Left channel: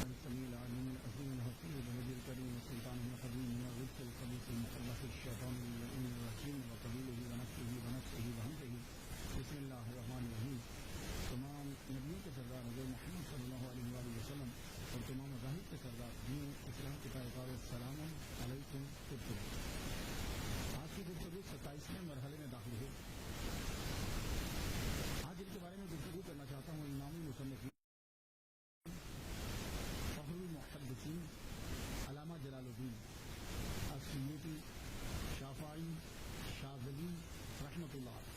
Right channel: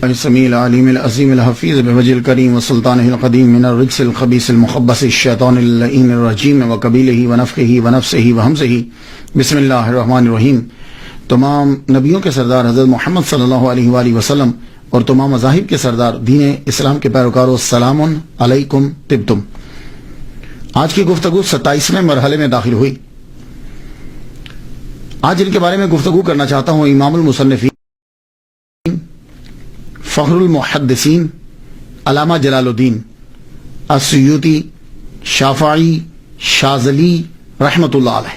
السمیع العلیم العظیم الحفیظ بوجہ الکریم وسلطانہ القدیم من الرجس الخبیث المخبث الشیطان اللعین الرجیم وقبیلہ ونفخہ ونفسہ وہمزہ بسم اللہ الرحمن الرحیم۔ تمام نبیوں کے سردار حضرت محمد صلی اللہ علیہ وآلہ وسلم اور تمام مذاہب کے سردار دین اسلام کے پیروکاروں، السلام علیکم طبتم۔ آج کی گفتگو 27ویں مرحلے میں داخل ہوئی۔ آج ان کے بارے میں گفتگو کرنا چاہتا ہوں امام المصنفین، فخر المحدثین، علامہ جلال الدین السیوطی شافعی شاذلی رحمۃ اللہ علیہ۔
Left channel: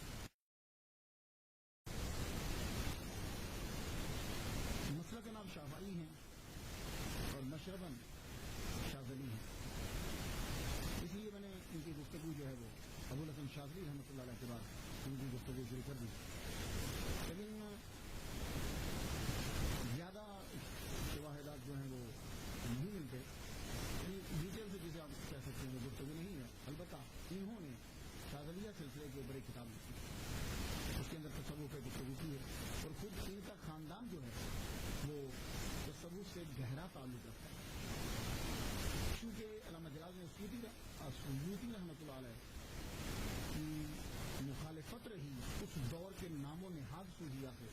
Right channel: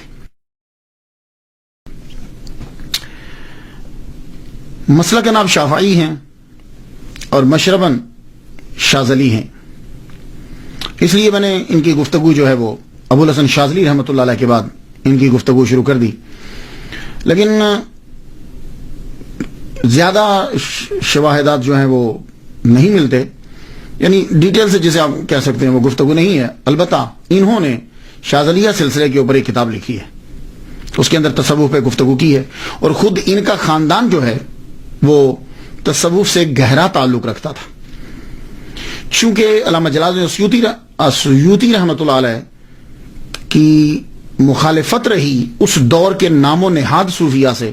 مسلک نام شافعی ہیں اور مشرباً شاذلی ہیں، اس لیے میں نے ان کی گفتگو جو ہے وہ ابو الحسن شاذلی رحمۃ اللہ علیہ کے بعد ان کی گفتگو شروع کر دی، لیکن زیادہ شواہدات جو ہیں وہ نہیں ملتے، یعنی ڈیٹیل سے جسے آپ کہہ سکتے ہیں وہ گفتگو نہیں ہے۔ البتہ انہوں نے شاذلیہ سلسلے کے اوپر ایک کتاب لکھی ہے، اس کے اندر تصوف پہ گفتگو کی ہے، اور خود ان کا خاندان جو ہے وہ تصوف سے گہرا تعلق رکھتا تھا۔ چونکہ علامہ جلال السیوطی رحمۃ اللہ علیہ کی مخالفت رہی اس دور کے نام و نہاد صوفیہ سے،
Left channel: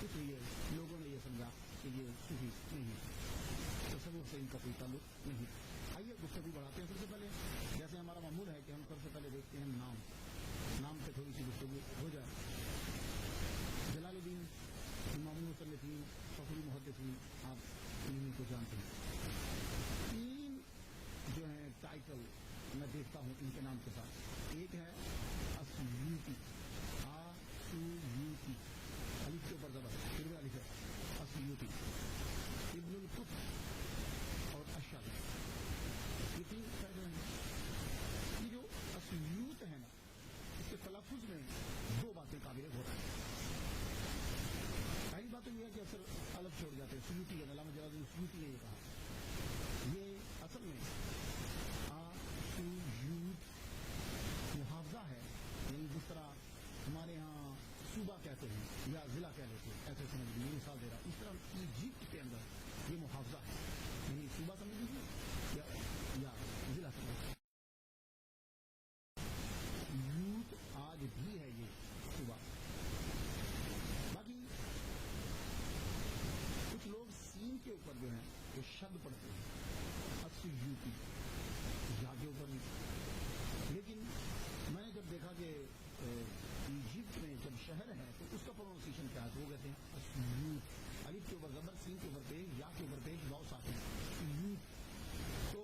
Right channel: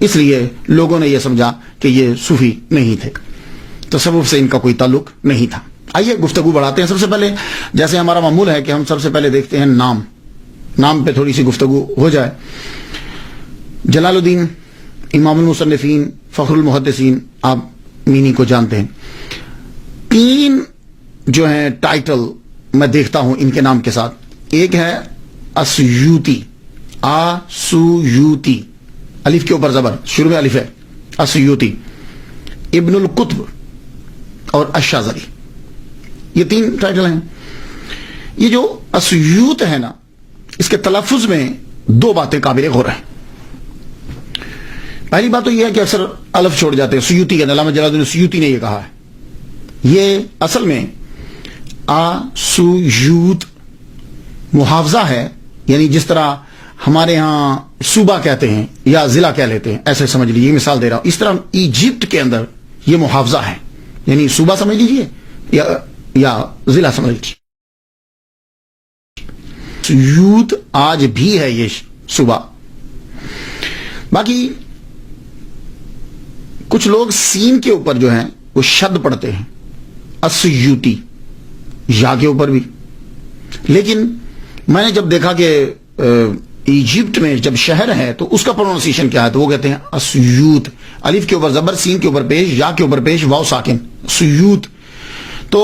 اس لیے لوگوں نے یہ سمجھا کہ یہ صوفی نہیں تھے، تصوف سے ان کا کوئی تعلق نہیں تھا۔ آئیے گفتگو بڑھاتے ہیں۔ سب سے پہلے جیسے ہمارا معمول ہے کہ ہم سب سے پہلے دیکھتے ہیں نام پہ تھوڑی سی گفتگو ہو جائے۔ جلال الدین امام المصنفین فخر المحدثین، آپ مینی کو جانتے ہیں۔ 3 جو ہیں ٹائٹل میں دیکھتا ہوں ان کے نام کے ساتھ۔ ایک ہے السیوطی، آسویوتی، الف کے اوپر زبر، شروع میں الف ہے، السیوطی، ابن القطب اور الشاذلی، یہ 3 ٹائٹل ہیں۔ یہ جو السیوط ہے نا، اس کے تلفظ میں 2 باتیں قابل غور ہیں۔ پہلی بات تو یہ ہے کہ اکثر الف چھوڑ جاتے ہیں، سیوطی کے علامہ جلال الدین سیوطی نے یہ کہا ہے۔ یہ اصل میں آسویوت محافظہ ہے، یعنی جس طرح ہمارے ہاں صوبہ کہتے ہیں یا ضلع کہہ لیتے ہیں، ایسے سمجھ لیجیے، مثال دے رہا ہوں۔ اس طرح ایجپٹ کے اندر یہ محافظہ ہے، یعنی صوبہ سمجھ لیجیے یا ضلع سمجھ لیجیے۔ یوت آج بھی ہے یہ صوبہ۔ باقی کچھ لوگ سین کے اوپر جو ہیں وہ شد پڑھتے ہیں، السیوطی، یا کے اوپر بھی، لیکن میں نے جب دیکھا کہ ایجپٹ میں جب شہر ہے تو اس کا پروننسیشن کیا ہے، تو وہ کہتے ہیں السیوط، الف کے اوپر زبر، سین کے اوپر پیش، یا کے اوپر پیش، واو ساکن، سیوط۔ تو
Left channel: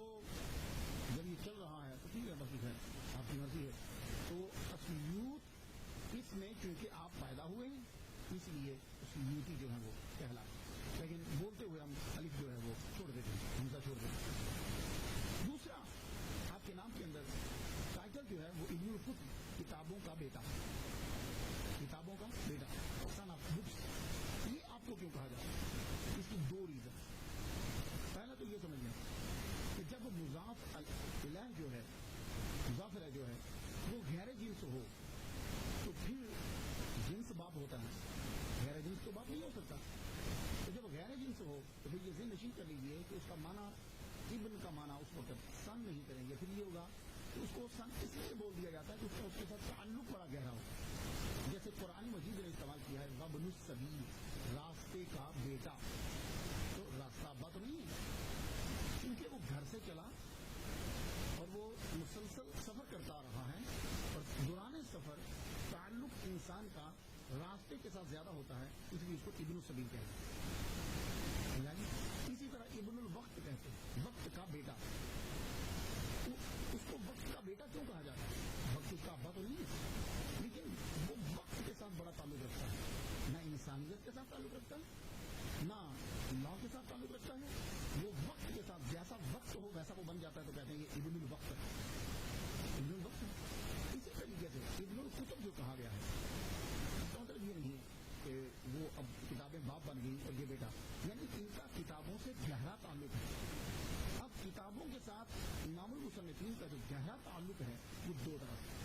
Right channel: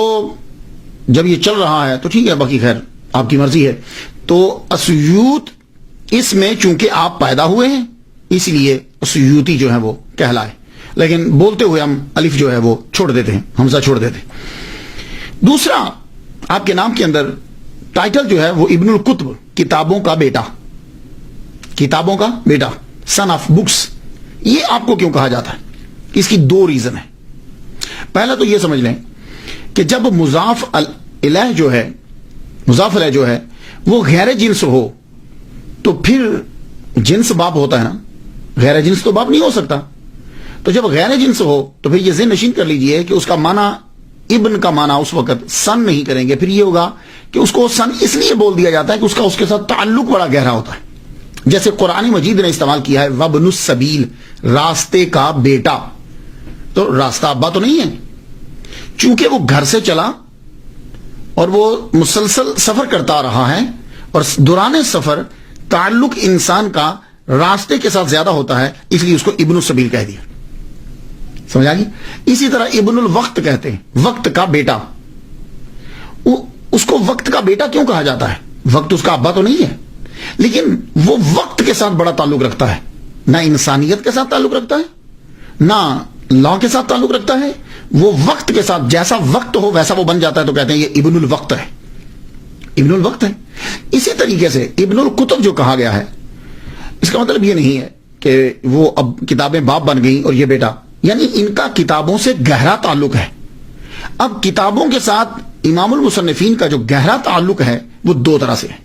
جب یہ چل رہا ہے تو ٹھیک ہے، باقی خیر آپ کی مرضی ہے۔ تو السیوط، اس میں چونکہ آپ پیدا ہوئے ہیں اس لیے السیوطی جو ہے وہ کہلائے، لیکن بولتے ہوئے ہم الف جو ہے وہ چھوڑ دیتے ہیں، حمزہ چھوڑ دیتے ہیں۔ دوسرا، آپ کے نام کے اندر ٹائٹل جو ہے وہ ابن القطب، کتابوں کا بیٹا، کتابوں کا بیٹا، سن آف بکس۔ یہ آپ کو کیوں کہا جاتا ہے؟ اس کی 2 ریزن ہیں۔ پہلا تو یہ سمجھ لیں کہ جب مضاف الیہ جو ہے وہ غیر جنس ہو تو پھر جنس باپ ہوتا ہے نا، غیر جنس تو باپ نہیں ہو سکتا۔ تو جب غیر جنس ہو تو پھر یہ ذہن نشین کر لیجئے کہ اس کا معنی، ابن کا معنی اس وقت سن نہیں کریں گے، پھر یہ ہوگا کہ اس کو سن اس لیے بول دیا جاتا ہے کہ اس کے ساتھ تعلق بڑا گہرا ہوتا ہے۔ جیسے قرآن مجید نے استعمال کیا ہے وابن السبیل، راستے کا بیٹا، تو راستہ ابا تو نہیں ہے، چونکہ وہ گھر سے چلا اور وہ مسلسل سفر کرتا رہا ہے، اور دوران سفر تعلق انسان کا راستے کے ساتھ زیادہ ہوتا ہے، اس لیے اس کو ابن السبیل کہہ دیا۔ سمجھ آگی؟ اسی طرح ابن الوقت کہتے ہیں، وقت کا بیٹا۔ اس کو وقت کا بیٹا کیوں کہا جاتا ہے؟ وقت اس کا ابا تو نہیں ہے، لیکن وہ وقت کے ساتھ بڑا تعلق رکھتا ہے، نہ انسانیت کے ساتھ تعلق رکھتا ہے، نہ لا کے ساتھ تعلق رکھتا ہے، وہ وقت کے ساتھ جیسا وقت ہو ویسا وہ بن جاتا ہے، تو کہتے ہیں یہ ابن الوقت ہے، ابن الوقت ہے۔ اسی طریقے سے ابن القطب جو کہا گیا ہے، اس کا مطلب یہ نہیں ہے کہ وہ اب کتابیں باپ بن گئیں اور یہ بیٹا، یعنی ان کا کتابوں سے گہرا تعلق ہے۔ اب کتابوں کے ساتھ امام المصنفین کا جو گہرا تعلق ہے وہ 2 طرح سے ہے۔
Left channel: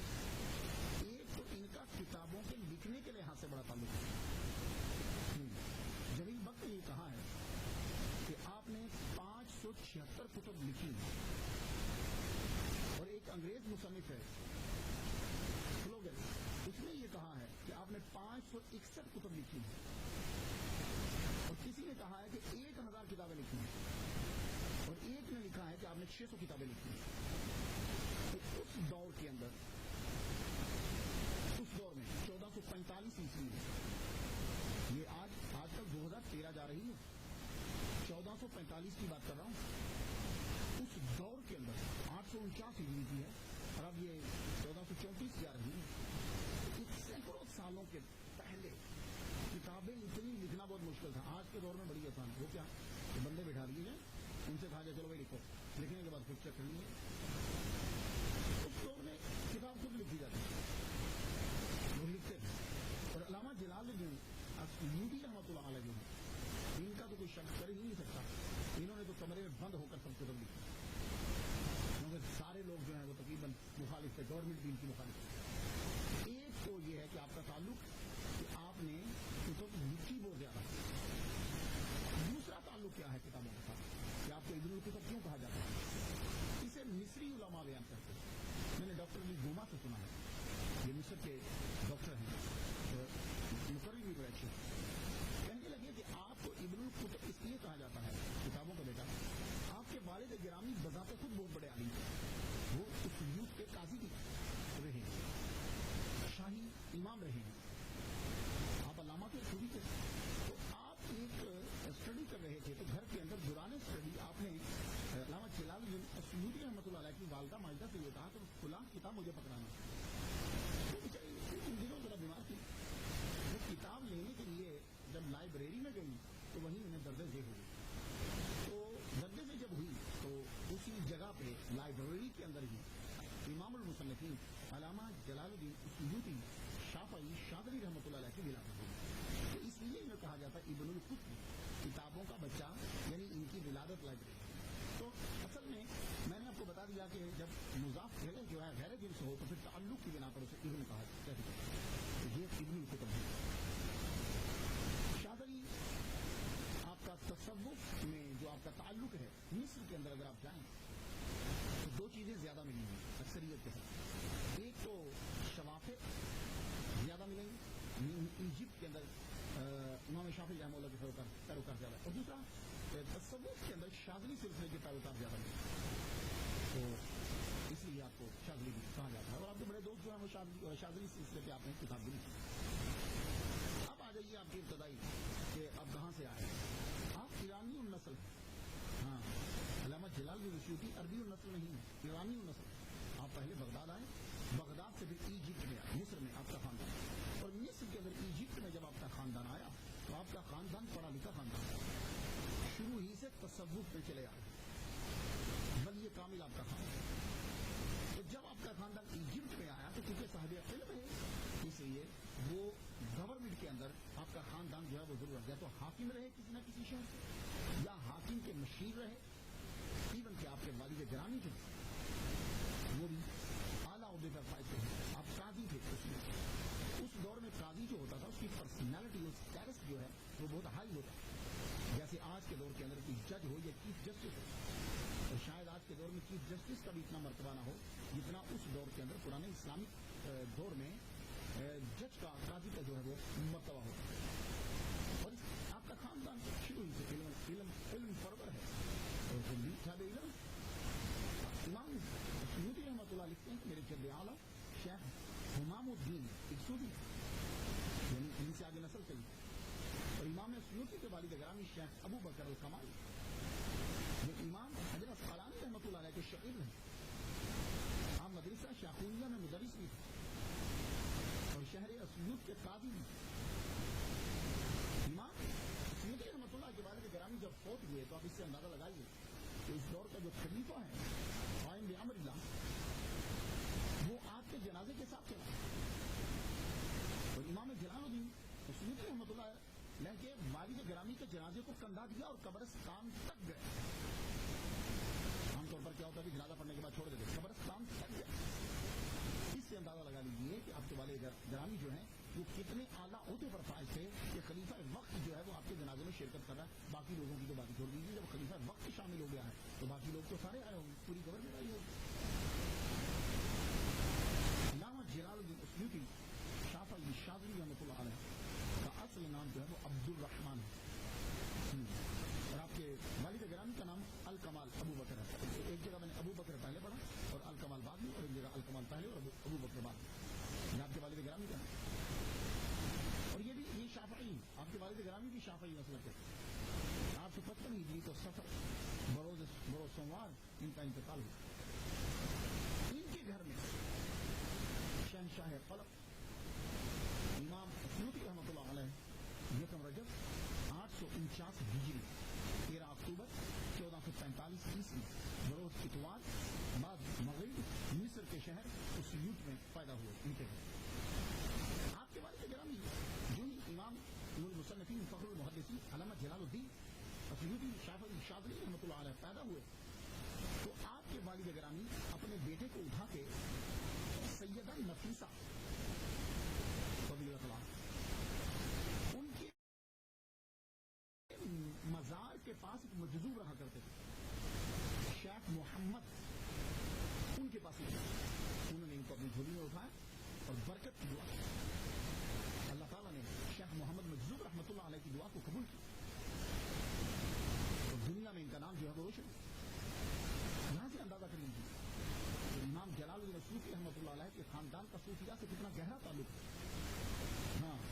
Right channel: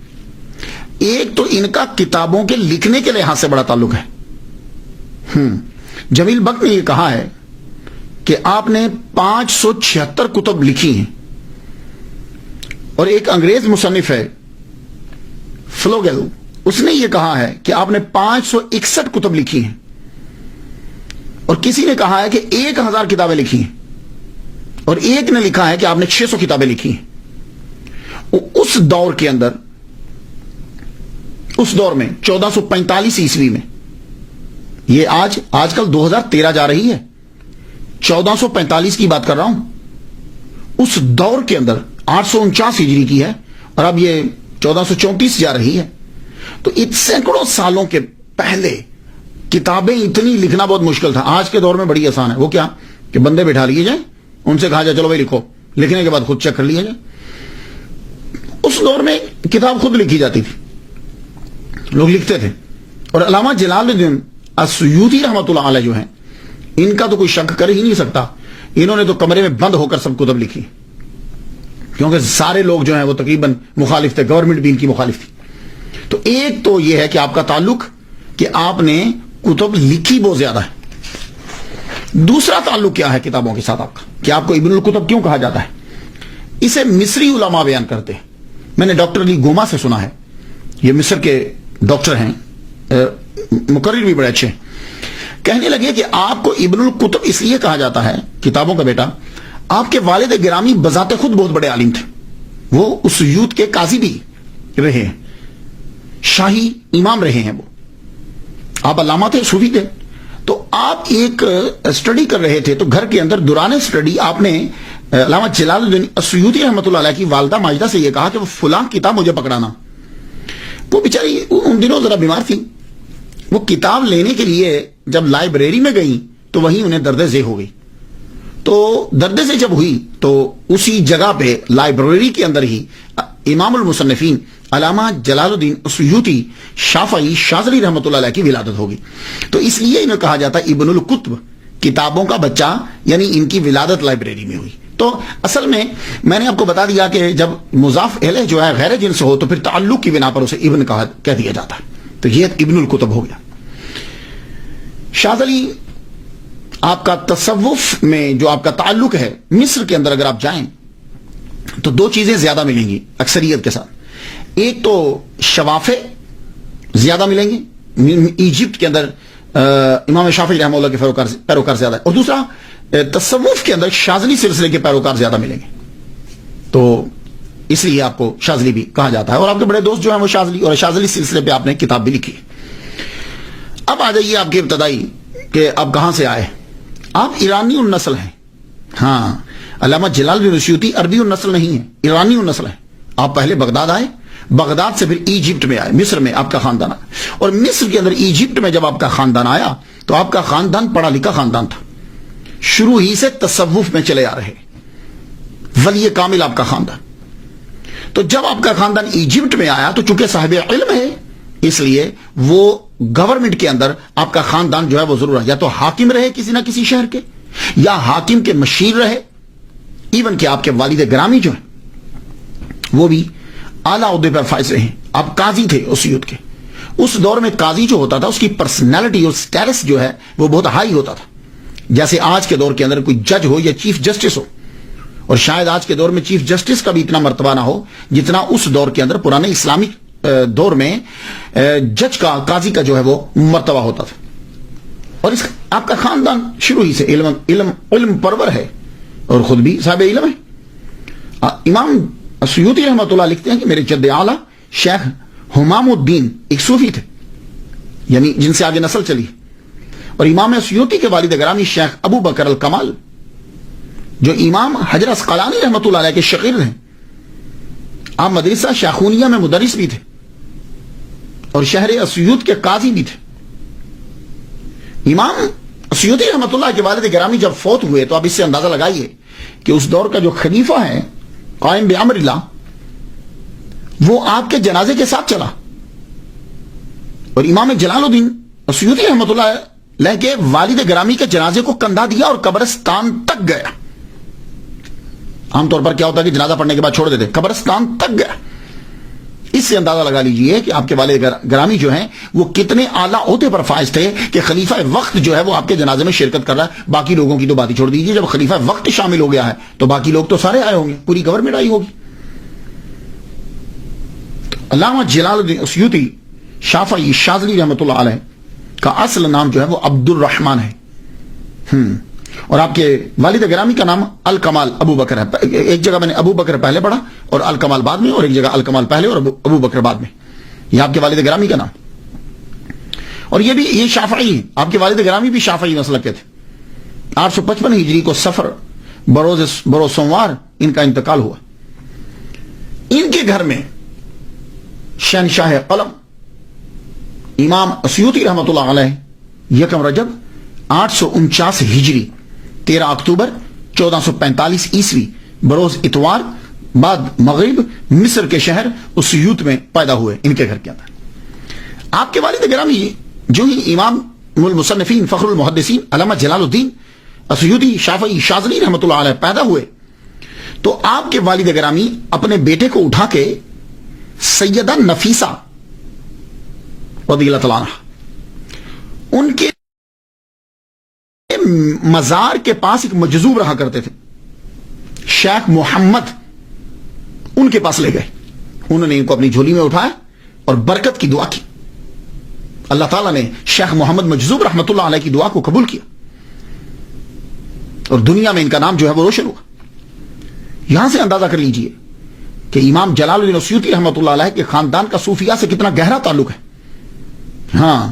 ایک تو ان کا کتابوں کے لکھنے کے لحاظ سے بڑا تعلق ہے۔ جمیل بخت نے یہ کہا ہے کہ آپ نے 576 کتب لکھی ہیں، اور ایک انگریز مصنف ہے فلوگل، اس نے یہ کہا ہے کہ آپ نے 561 کتب لکھی ہیں، اور کسی نے کہا ہے کہ 1000 کتابیں لکھی ہیں، اور ایک نے لکھا ہے کہ آپ نے 600 کتابیں لکھی ہیں۔ اس دور کے اندر، اس دور میں 1445 عیسوی میں، یہ آج کل 2013 جا رہی ہے، 1445 کی بات کر رہا ہوں، اس دور کے اندر 849 ہجری کی ہے، اور اب یہ 1434 جا رہی ہے۔ تو سینکڑوں سالوں کے پہلے کتابیں اتنی لکھنا بہت مشکل تھا۔ آج کے دور میں بڑی آسان ہے، وہ کیا کہ بندے بٹھا لیے جائیں، ان سے کہا جائے چلو بھائی لکھو، لکھنے کے بعد خود چیک کر لیا جائے۔ اس دور میں کتاب خود لکھی جاتی تھی، لوگ لکھتے تھے، اور علامہ جلال الدین السیوطی رحمۃ اللہ علیہ جو ہیں، ان کا تو کوئی شک کر ہی نہیں سکتا، انہوں نے تو کمرے میں بند ہو کر سب کتب لکھی، کیونکہ سارے لوگ جو ہیں وہ تقریباً مخالف تھے، گورنمنٹ بھی ان کی مخالف تھی۔ تو ایک تو یہ ہے کہ آپ کا تعلق کہ آپ نے کتب لکھی بہت زیادہ ہے۔ دوسرا تعلق کیا ہے کتابوں کے ساتھ آپ کا، کہ آپ کو ابن الکتب کیوں کہا جاتا ہے؟ اسے مصری علماء بیان کرتے ہیں۔ میں نے ڈاکٹر علی گوما سے سنا ہے، یہ مصر کے ڈاکٹر ہیں، مقرر بھی بڑے اچھے ہیں، کہنے لگے کہ آپ کو ابن الکتب اس لیے کہا جاتا ہے، کتابوں کا بیٹا، آپ کے والد گرامی بذات خود بہت بڑے عالم تھے، وہ اس یوت کے قاضی بھی رہے ہیں، شاہی امام رہے ہیں، وہ آپ علامہ تھے، صوفی تھے۔ تو آپ ایک اسٹڈی کر رہے تھے، تو گھر کے اندر دوران اسٹڈی آپ نے علامہ جلال الدین السیوطی رحمۃ اللہ علیہ کی والدہ ماجدہ سے یہ کہا کہ وہ فلاں کتاب مجھے پکڑانا۔ وہ بیچاری ان دنوں ذرا بیمار تھی، وہ کتاب لینے کے لیے جب لائبریری میں گئی تو وہیں انہیں درد ذیل ہو گئی۔ تو درد ذیل جب ہوئی تو اسی جگہ پہ لائبریری کے اندر ہی امام المصنفین علامہ جلال الدین السیوطی شافعی شاذلی رحمۃ اللہ علیہ کی ولادت ہوگی۔ تو اس لیے انہیں کہا جاتا ہے ابن الکتب، کتابوں کا بچہ، یعنی ان کی ولادت لائبریری میں ہوئی۔ تو اصل میں نے آپ کو بتا دیا کہ جب مضاف الیہ جو ہے غیر جنس ہو تو پھر تعلق کی بنا پر اسے ابن کہہ دیا جاتا ہے، تو یہ ابن الکتب ہو گیا۔ شاذلی آپ کا تصوف میں جو آپ کا تعلق ہے، مصر کے اندر اگر آپ جائیں تو دو چیزیں زیادہ ملیں گی اکثریت کے ساتھ، ایک تو شوافع زیادہ ملیں گے، ایجپٹ کے اندر امام شافعی رحمہ اللہ کے پیروکار زیادہ ہے، اور دوسرا تصوف کے اندر شاذلی سلسلے کے پیروکار زیادہ ملیں گے، تو اس لیے آپ کو شاذلی بھی کہا جاتا ہے، اور آپ کے بڑے دوست جو ہیں وہ شاذلی، اور شاذلی سلسلے پہ آپ نے کتاب بھی لکھی۔ اب آ جائیے آپ کی ابتدائی کہ آپ کہاں سے آئے۔ آپ ایرانی النسل ہیں، ہاں، علامہ جلال الدین السیوطی عربی النسل نہیں ہے، ایرانی النسل ہے۔ آپ پہلے بغداد آئے، بغداد سے پھر ایجپٹ میں آئے، مصر میں آپ کا خاندان آیا، اور مصر کے اندر ایجپٹ میں جب آپ کا خاندان آیا تو آپ کا خاندان پڑھا لکھا خاندان تھا، شروع ہی سے تصوف میں چلے آ رہے، ولی کامل آپ کا خاندان۔ تو جب آپ کا خاندان ایجپٹ میں آیا تو چونکہ صاحب علم ہے، اس لیے وہ گورنمنٹ کے اندر آپ کا خاندان جو ہے وہ ضرور ہے، یا تو حاکم رہے کسی نہ کسی شہر کے، یا حاکم کے مشیر رہے، ایون کہ آپ کے والد گرامی جو ہیں وہ بھی اعلیٰ عہدے پر فائز رہے ہیں۔ آپ قاضی تھے اس یوتھ کے، اس دور میں قاضی جو ہوتا تھا اس کی پرسنالٹی اور سٹیٹس جو ہے وہ بہت ہائی ہوتا تھا، جیسے آج کے دور کے اندر کوئی جج ہو یا چیف جسٹس ہو، اور شاید آج کے دور میں چیف جسٹس کا بھی اتنا مرتبہ نہ ہو جتنا اس دور کے اندر پرانے اسلامی دور میں جج کا، قاضی کا جو ہے وہ مرتبہ ہوتا تھا۔ اور آپ کا خاندان شروع ہی سے علم پرور ہے، اور خود بھی صاحب علم ہے۔ امام السیوطی رحمۃ اللہ لکھتے ہیں کہ میرے جد اعلیٰ شیخ حمام الدین ایک صوفی تھے، یعنی جن سے آگے نسل چلی، اور امام السیوطی کے والد گرامی شیخ ابو بکر الکمال جو امام حجر اسقلانی رحمۃ اللہ علیہ کے شاگرد ہیں، آپ مدرسہ شیخونیہ میں مدرس بھی تھے، اور شہر اسیوط کے قاضی بھی تھے۔ امام السیوطی رحمۃ اللہ کے والد گرامی جب فوت ہوئے تو آپ اس سے اندازہ لگائیے کہ اس دور کا جو خلیفہ ہے قائم بامر اللہ، وہ آپ کے جنازے کے ساتھ چلا، اور امام جلال الدین السیوطی رحمۃ اللہ علیہ کے والد گرامی کے جنازے کو کندھا دیا اور قبرستان تک گیا۔ عام طور پر کیا ہوتا ہے کہ جنازہ پڑھنے کے بعد چھوڑ دیتے، قبرستان تک گیا، اس سے اندازہ لگا لیجئے کہ آپ کے والد گرامی جو ہیں وہ کتنے اعلیٰ عہدے پر فائز تھے کہ خلیفہ وقت جو ہے وہ آپ کے جنازے میں شرکت کر رہا ہے. باقی لوگوں کی تو بات ہی چھوڑ دیجئے, جب خلیفہ وقت شامل ہو گیا ہے تو باقی لوگ تو سارے آئے ہوں گے, پوری گورنمنٹ آئی ہوگی. علامہ جلال الدین اسیوطی شافعی شاذلی رحمۃ اللہ علیہ کا اصل نام جو ہے وہ عبد الرحمن ہے, اور آپ کے والد گرامی کا نام الکمال ابو بکر ہے. ایک جگہ میں نے ابو بکر پہلے پڑھا اور الکمال بعد میں, اور ایک جگہ الکمال پہلے اور ابو بکر بعد میں. یہ آپ کے والد گرامی کا نام. اور یہ شافعی ہیں, آپ کے والد گرامی بھی شافعی مسلک کے تھے. 855 ہجری کو سفر بروز سوموار ان کا انتقال ہوا. ان کے گھر میں شہنشاہ قلم امام اسیوطی رحمۃ اللہ علیہ 1 رجب 849 ہجری 13 اکتوبر 1445 عیسوی بروز اتوار بعد مغرب مصر کے شہر اسیوط میں پیدا ہوئے. ان کے گھر کے اندر آپ کے والد گرامی جو ہی امام المصنفین فخر المحدثین علامہ جلال الدین اسیوطی شافعی شاذلی رحمۃ اللہ علیہ پیدا ہوئے تو آپ کے والد گرامی اپنے بیٹے کو اٹھا کے سیدہ نفیسہ رضی اللہ تعالیٰ عنہ ان کے مزار کے پاس ایک مجذوب رہا کرتے تھے شیخ محمد, ان کے پاس لے گئے. انہوں نے ان کو اپنی جھولی میں اٹھایا اور برکت کی دعا کی. اللہ تعالیٰ نے شیخ محمد مجذوب رحمۃ اللہ علیہ کی دعا کو قبول کیا اور دنیا میں ان کا نام جو ہے وہ روشن ہوا. یہاں سے اندازہ کر لیجئے کہ امام جلال الدین اسیوطی رحمۃ اللہ علیہ کے خاندان کا صوفیہ سے کتنا گہرا تعلق ہے. ہاں,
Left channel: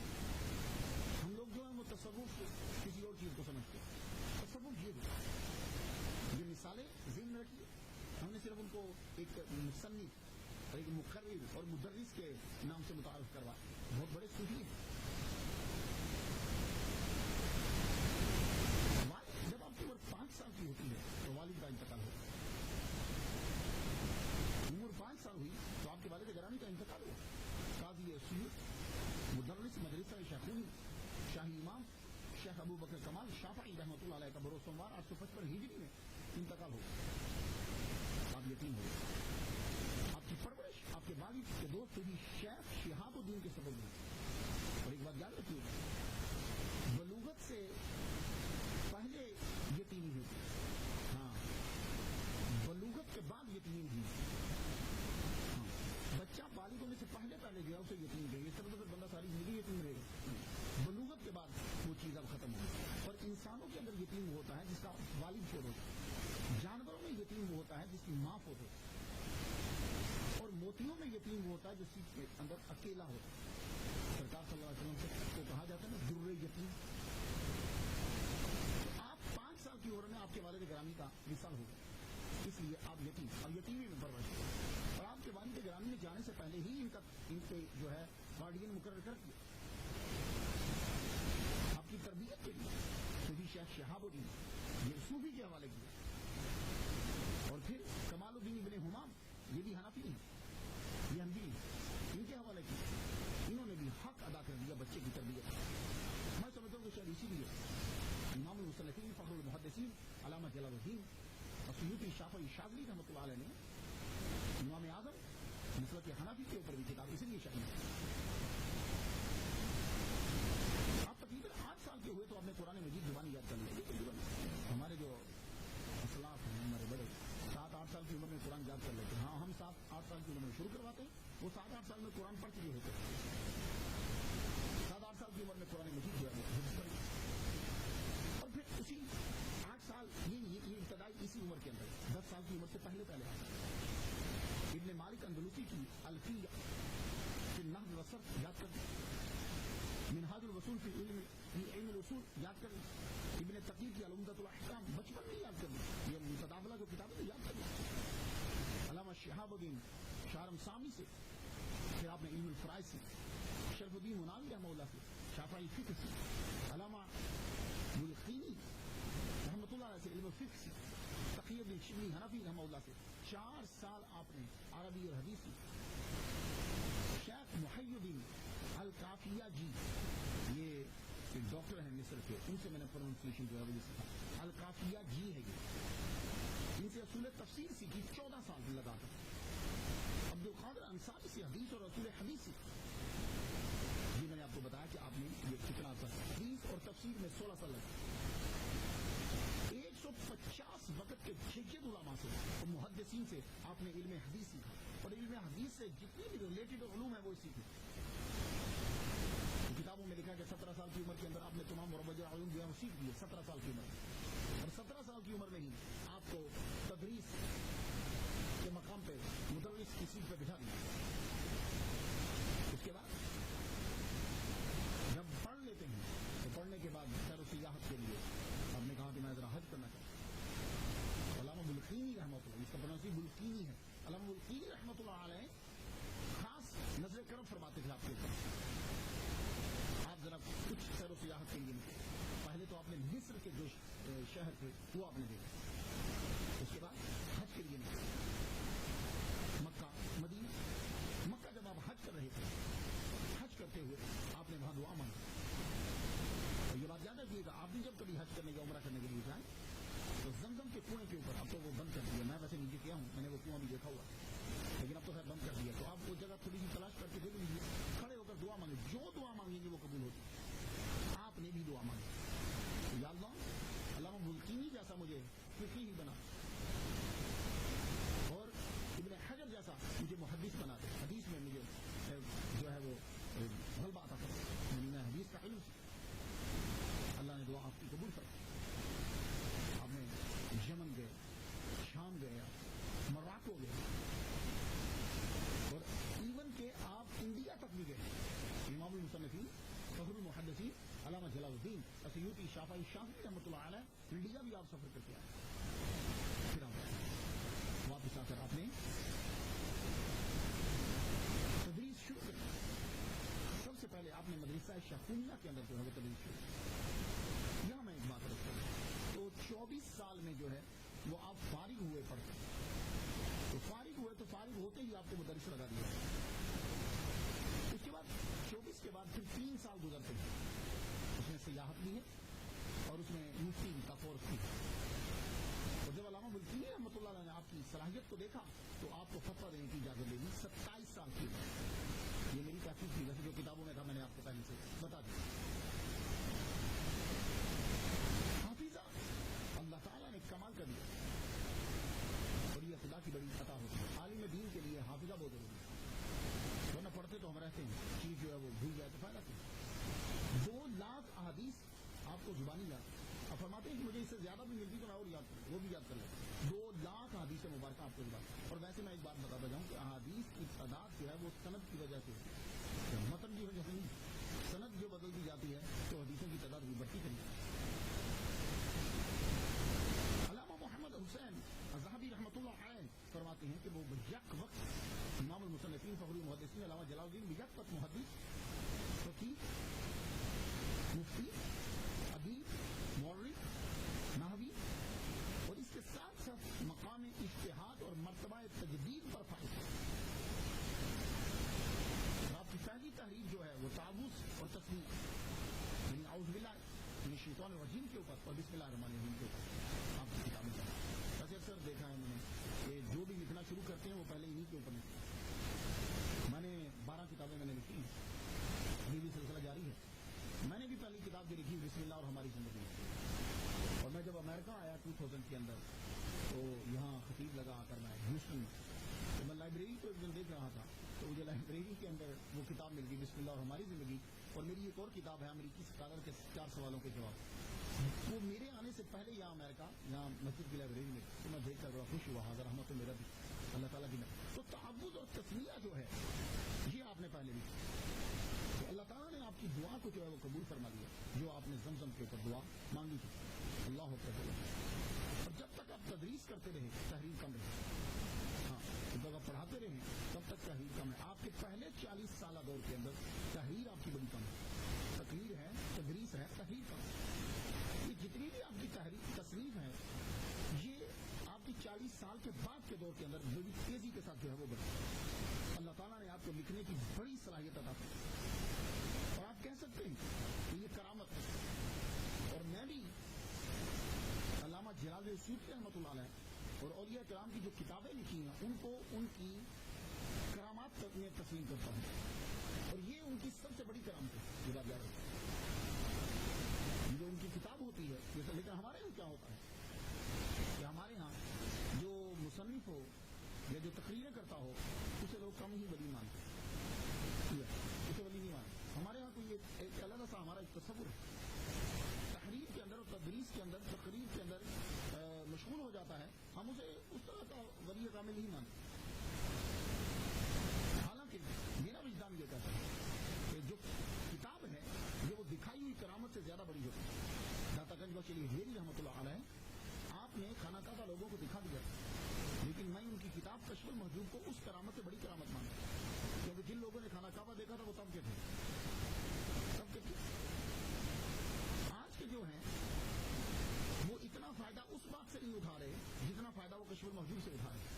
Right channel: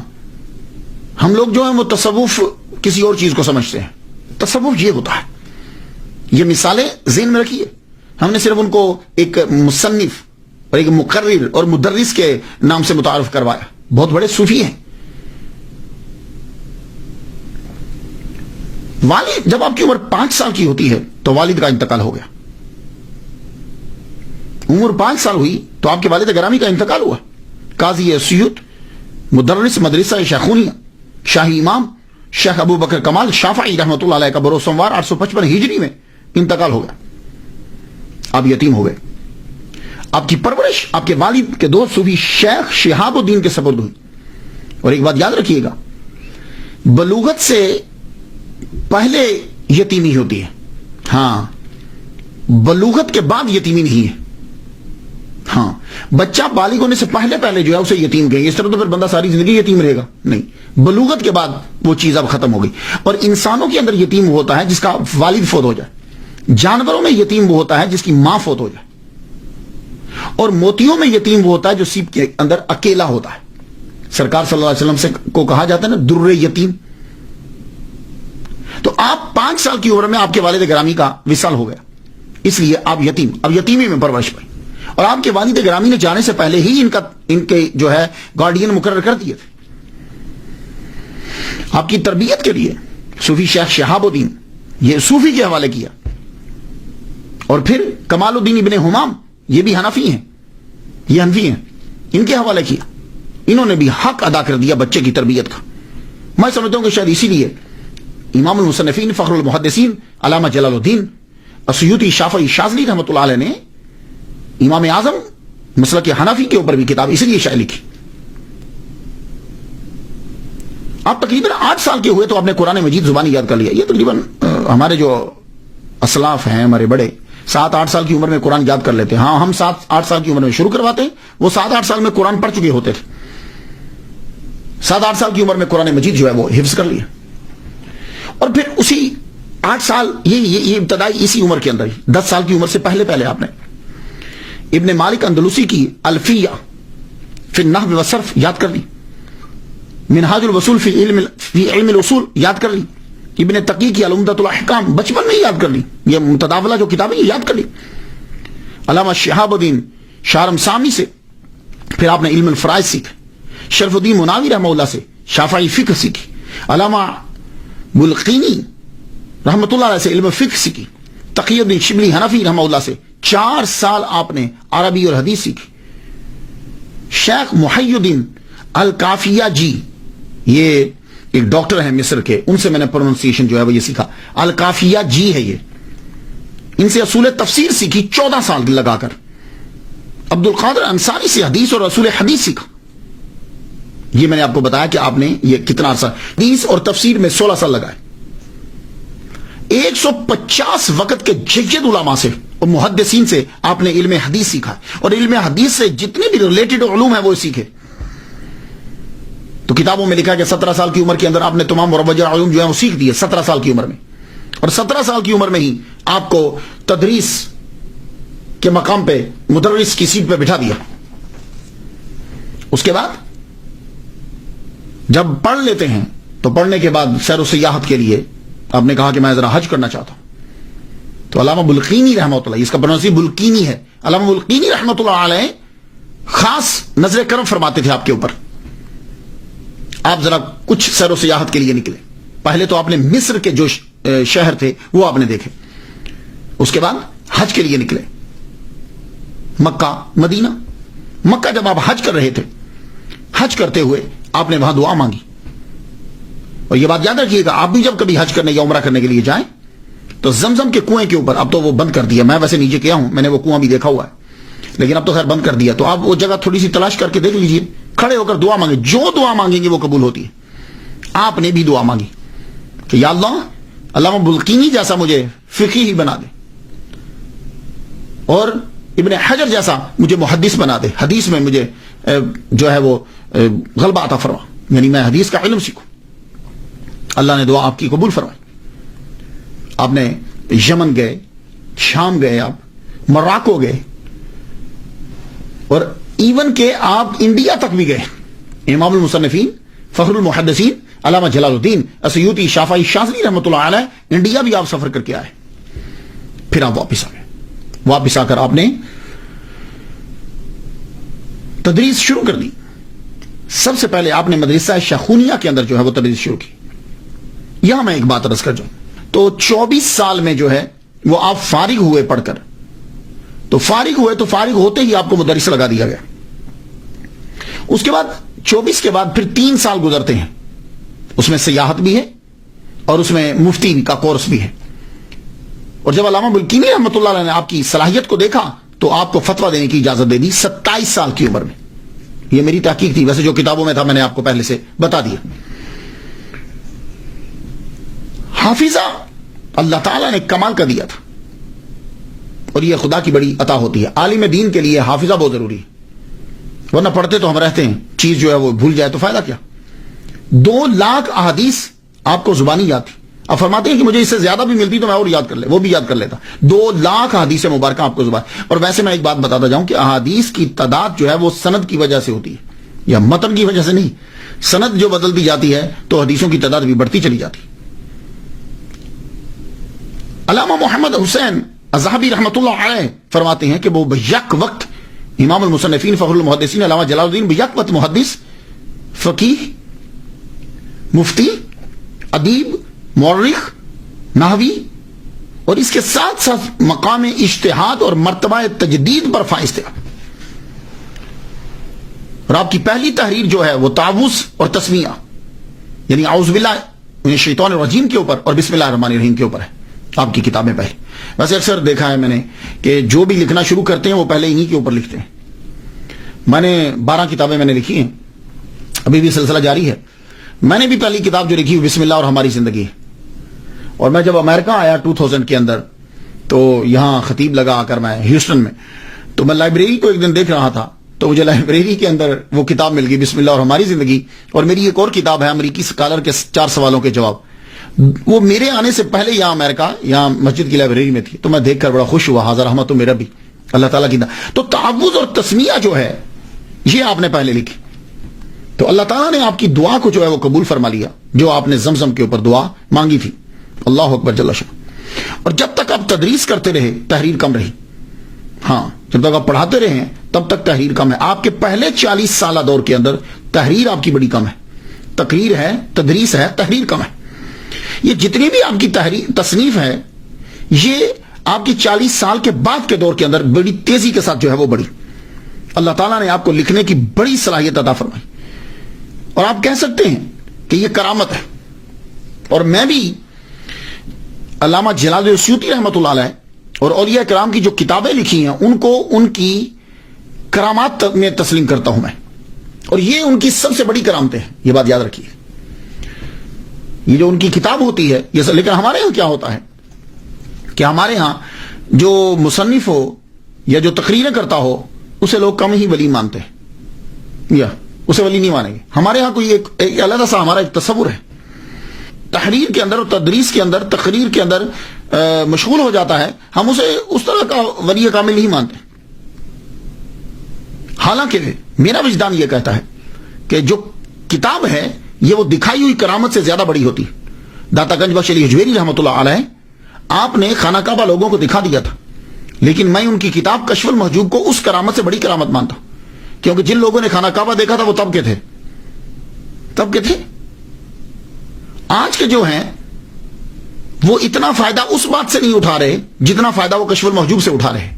ہم لوگ جو ہیں وہ تصوف کسی اور چیز کو سمجھتے ہیں. تصوف یہ ہوتا ہے. یہ مثالیں ذہن میں رکھیے. ہم نے صرف ان کو ایک مصنف اور ایک مقرر اور مدرس کے نام سے متعارف کروایا. بہت بڑے صوفی ہیں. والد جب آپ کی عمر 5 سال کی ہوتی ہے تو والد کا انتقال ہو گیا. عمر 5 سال ہوئی تو آپ کے والد گرامی کا انتقال ہوا. قاضی اسیوط مدرس مدرسہ شیخونیہ شاہی امام شیخ ابو بکر کمال شافعی رحمۃ اللہ علیہ کا بروز سوموار 855 ہجری میں انتقال ہو گیا. آپ یتیم ہو گئے. آپ کی پرورش آپ کے والد کے دوست صوفی شیخ شہاب الدین کے سپرد ہوئی. اور ایک بات یاد رکھیے گا, بلوغت سے پہلے یتیمی ہوتی ہے. ہاں, بلوغت کے بعد یتیمی نہیں ہے. ہاں, بچہ بالغ ہونے سے پہلے جو ہے اسے یتیم کہیں گے. اس طرح تو پھر بندہ ساری زندگی یتیم رہے گا نہیں. بلوغت کے بعد وہ چیز اب ختم ہو گئی. اور انسانوں کے اندر یتیم ہوتا ہے جس کا والد فوت ہو جائے. جانوروں میں یتیم وہ ہوتا ہے جس کی ماں فوت ہو جائے. اور موتیوں میں یتیم وہ ہوتا ہے جو سیپ کے اندر اکیلا ہوتا ہے. سرکار صلی اللہ علیہ وسلم سے کو کہا جاتا ہے نا در یتیم. تو آپ 5 سال کی عمر میں آپ کے والد گرامی کا وصال ہو گیا, اس لیے آپ اب یتیمی میں پرورش پائی. اور آپ کے والد گرامی نے جانے سے پہلے ہی ان کے جو ہے گارڈین مقرر کر دیے تھے. آپ کی تربیت کے لیے صوفی شیخ شہاب الدین یہ صوفی کے حوالے کیا. اور پھر کمال الدین ابن حمام یہ بھی حنفی ہیں, یہ حنفی ہیں, ان کے حوالے کیا. انہوں نے بھی حق ادا کر دیا بچے کی تربیت کا. میں سمجھتا ہوں کہ شاید اسی لیے امام المصنفین فخر المحدثین علامہ جلال الدین اسیوطی شافعی شاذلی رحمۃ اللہ علیہ نے امام اعظم مسلک حنفی کے اوپر بھی کتاب اس لیے شائع لکھی. آپ تقریباً 8 سال کے ہوئے تو آپ نے قرآن مجید زبانی یاد کر لیا. یہ تقریباً ہمارے جو اسلاف ہیں ہمارے بڑے 7-8 سال کی عمر میں قرآن یاد کر لیتے ہیں. ہاں, ہم 7-8 سال کی عمر میں شروع کرواتے ہیں, وہ 7-8 سال میں قرآن پڑھ چکے ہوتے تھے. 7-8 سال کی عمر میں قرآن مجید جو ہے وہ حفظ کر لیا. اور پھر اسی 8 سال یہ ابتدائی اسی عمر کے اندر ہی 10 سال کی عمر سے پہلے آپ نے ابن مالک اندلسی کی الفیہ فی النحو والصرف یاد کر لی. منہاج الوصول فی علم الاصول یاد کر لی. ابن تقی کی العمدۃ الاحکام بچپن میں ہی یاد کر لی. یہ متداولہ جو کتابیں یہ یاد کر لی. علامہ شہاب الدین شارم سامی سے پھر آپ نے علم الفرائض سیکھا. شرف الدین مناوی رحمہ اللہ سے شافعی فقہ سیکھی. علامہ بلقینی رحمۃ اللہ علیہ سے علم فقہ سیکھی. تقی الدین شبلی حنفی رحمہ اللہ سے 4 سال آپ نے عربی اور حدیث سیکھی. شیخ محی الدین الکافیہ جی یہ ایک ڈاکٹر ہیں مصر کے, ان سے میں نے پروننسیشن جو ہے وہ یہ سیکھا. الکافیہ جی ہے یہ, ان سے اصول تفسیر سیکھی 14 سال لگا کر. عبد القادر انصاری سے حدیث اور رسول حدیث سیکھا. یہ میں نے آپ کو بتایا کہ آپ نے یہ کتنا عرصہ حدیث اور تفسیر میں 16 سال لگائے. 150 وقت کے جید علماء سے اور محدثین سے آپ نے علم حدیث سیکھا, اور علم حدیث سے جتنے بھی ریلیٹڈ علوم ہیں وہ سیکھے. تو کتابوں میں لکھا کہ 17 سال کی عمر کے اندر آپ نے تمام مروجہ علوم جو ہیں وہ سیکھ دیے 17 سال کی عمر میں, اور 17 سال کی عمر میں ہی آپ کو تدریس کے مقام پہ مدرس کی سیٹ پہ بٹھا دیا. اس کے بعد جب پڑھ لیتے ہیں تو پڑھنے کے بعد سیر و سیاحت کے لیے آپ نے کہا کہ میں ذرا حج کرنا چاہتا ہوں. تو علامہ بلقینی رحمۃ اللہ, اس کا پروننسی بلقینی ہے, علامہ بلقینی رحمۃ اللہ علیہ خاص نظر کرم فرماتے تھے آپ کے اوپر. آپ ذرا کچھ سیر و سیاحت کے لیے نکلے. پہلے تو آپ نے مصر کے جو شہر تھے وہ آپ نے دیکھے, اس کے بعد حج کے لیے نکلے مکہ مدینہ. مکہ جب آپ حج کر رہے تھے, حج کرتے ہوئے آپ نے وہاں دعا مانگی. اور یہ بات یاد رکھیے گا, آپ بھی جب کبھی حج کرنے یا عمرہ کرنے کے لیے جائیں تو زمزم کے کنویں کے اوپر, اب تو وہ بند کر دیا, میں ویسے نیچے گیا ہوں, میں نے وہ کنواں بھی دیکھا ہوا ہے, لیکن اب تو خیر بند کر دیا. تو آپ وہ جگہ تھوڑی سی تلاش کر کے دیکھ لیجئے, کھڑے ہو کر دعا مانگے, جو دعا مانگیں گے وہ قبول ہوتی ہے. آپ نے بھی دعا مانگی کہ یا اللہ, علامہ بلقینی جیسا مجھے فقیہ ہی بنا دے, اور ابن حجر جیسا مجھے محدث بنا دے, حدیث میں مجھے جو ہے وہ غلبہ عطا فرما, یعنی میں حدیث کا علم سیکھوں. اللہ نے دعا آپ کی قبول فرمائی. آپ نے یمن گئے, شام گئے, آپ مراکو گئے, اور ایون کہ آپ انڈیا تک بھی گئے. امام المصنفین فخر المحدثین علامہ جلال الدین السیوطی شافعی شاذلی رحمۃ اللہ علیہ انڈیا بھی آپ سفر کر کے آئے. پھر آپ واپس آ گئے. واپس آ کر آپ نے تدریس شروع کر دی. سب سے پہلے آپ نے مدرسہ شاخونیہ کے اندر جو ہے وہ تدریس شروع کی. یہاں میں ایک بات عرض کر جاؤں تو 24 سال میں جو ہے وہ آپ فارغ ہوئے پڑھ کر, تو فارغ ہوئے تو فارغ ہوتے ہی آپ کو مدرس لگا دیا گیا. اس کے بعد 24 کے بعد پھر 3 سال گزرتے ہیں, اس میں سیاحت بھی ہے اور اس میں مفتی کا کورس بھی ہے. اور جب علامہ بلقینی رحمۃ اللہ علیہ نے آپ کی صلاحیت کو دیکھا تو آپ کو فتویٰ دینے کی اجازت دے دی 27 سال کی عمر میں. یہ میری تحقیق تھی, ویسے جو کتابوں میں تھا میں نے آپ کو پہلے سے بتا دیا. حافظہ اللہ تعالیٰ نے کمال کا دیا تھا, اور یہ خدا کی بڑی عطا ہوتی ہے. عالم دین کے لیے حافظہ بہت ضروری ہے, ورنہ پڑھتے تو ہم رہتے ہیں, چیز جو ہے وہ بھول جائے تو فائدہ کیا. 2 لاکھ احادیث آپ کو زبانی یاد تھی. اب فرماتے ہیں کہ مجھے اس سے زیادہ بھی ملتی تو میں اور یاد کر لے, وہ بھی یاد کر لیتا. 2 لاکھ احادیث مبارکہ آپ کو زبان. اور ویسے میں ایک بات بتاتا جاؤں کہ احادیث کی تعداد جو ہے وہ سند کی وجہ سے ہوتی ہے, یا متن کی وجہ سے نہیں. سند جو بدلتی جاتی ہے تو حدیثوں کی تعداد بھی بڑھتی چلی جاتی. علامہ محمد حسین الذہبی رحمۃ اللہ علیہ فرماتے ہیں کہ وہ بیک وقت امام المصنفین فخر المحدثین علامہ جلال الدین بیک وقت محدث, فقیہ, مفتی, ادیب, مورخ, نحوی, اور اس کے ساتھ ساتھ مقام اجتہاد اور مرتبہ تجدید پر فائز تھے. اور آپ کی پہلی تحریر جو ہے وہ تعوذ اور تسمیہ, یعنی اعوذ باللہ من الشیطان الرجیم کے اوپر اور بسم اللہ الرحمن الرحیم کے اوپر ہے آپ کی کتابیں پہلے. ویسے اکثر دیکھا ہے میں نے کہ جو بھی لکھنا شروع کرتے ہیں وہ پہلے انہی کے اوپر لکھتے ہیں. میں نے 12 کتابیں میں نے لکھی ہیں, ابھی بھی سلسلہ جاری ہے. میں نے بھی پہلی کتاب جو لکھی بسم اللہ اور ہماری زندگی. اور میں جب امریکہ آیا 2000 کے اندر تو یہاں خطیب لگا آ کر میں ہیوسٹن میں, تو میں لائبریری کو ایک دن دیکھ رہا تھا تو مجھے لائبریری کے اندر وہ کتاب مل گئی بسم اللہ اور ہماری زندگی. اور میری ایک اور کتاب ہے امریکی اسکالر کے 4 سوالوں کے جواب, وہ میرے آنے سے پہلے یہاں امریکہ یہاں مسجد کی لائبریری میں تھی. تو میں دیکھ کر بڑا خوش ہوا, حاضر رحمت تو میرا بھی اللہ تعالیٰ کی. تو تعوذ اور تسمیہ جو ہے یہ آپ نے پہلے لکھی, تو اللہ تعالیٰ نے آپ کی دعا کو جو ہے وہ قبول فرما لیا جو آپ نے زمزم کے اوپر دعا مانگی تھی. اللہ اکبر جل شان. اور جب تک آپ تدریس کرتے رہے تحریر کم رہی. ہاں, جب تک آپ پڑھاتے رہے ہیں تب تک تحریر کم ہے. آپ کے پہلے 40 سالہ دور کے اندر تحریر آپ کی بڑی کم ہے. تقریر ہے, تدریس ہے, تحریر کم ہے. یہ جتنی بھی آپ کی تحریر تصنیف ہے یہ آپ کی 40 سال کے بعد کے دور کے اندر بڑی تیزی کے ساتھ جو ہے وہ بڑی. اللہ تعالیٰ نے آپ کو لکھنے کی بڑی صلاحیت عطا فرمائی, اور آپ کہہ سکتے ہیں کہ یہ کرامت ہے. اور میں بھی علامہ جلال السیوطی رحمۃ اللہ علیہ اور اولیاء کرام کی جو کتابیں لکھی ہیں ان کو ان کی کرامات میں تسلیم کرتا ہوں میں، اور یہ ان کی سب سے بڑی کرامتیں ہیں، یہ بات یاد رکھیے. یہ جو ان کی کتاب ہوتی ہے یہ، لیکن ہمارے ہاں کیا ہوتا ہے کہ ہمارے ہاں جو مصنف ہو یا جو تقریریں کرتا ہو اسے لوگ کم ہی ولی مانتے ہیں، یا اسے ولی نہیں مانیں گے. ہمارے ہاں کوئی ایک علیحدہ سا ہمارا ایک تصور ہے، تحریر کے اندر اور تدریس کے اندر، تقریر کے اندر مشغول ہو جاتا ہے، ہم اسے اس طرح کا ولی کامل نہیں مانتے. حالانکہ میرا وجدان یہ کہتا ہے کہ جو کتاب ہے یہ وہ دکھائی ہوئی کرامت سے زیادہ بڑی ہوتی. داتا گنج بخش علی حجویری رحمۃ اللہ علیہ، آپ نے خانہ کعبہ لوگوں کو دکھا دیا تھا، لیکن میں ان کی کتاب کشف المحجوب کو اس کرامت سے بڑی کرامت مانتا ہوں، کیونکہ جن لوگوں نے خانہ کعبہ دیکھا تھا وہ تب کے تھے. آج کے جو ہیں وہ اتنا فائدہ اس بات سے نہیں اٹھا رہے جتنا فائدہ وہ کشف المحجوب سے اٹھا رہے.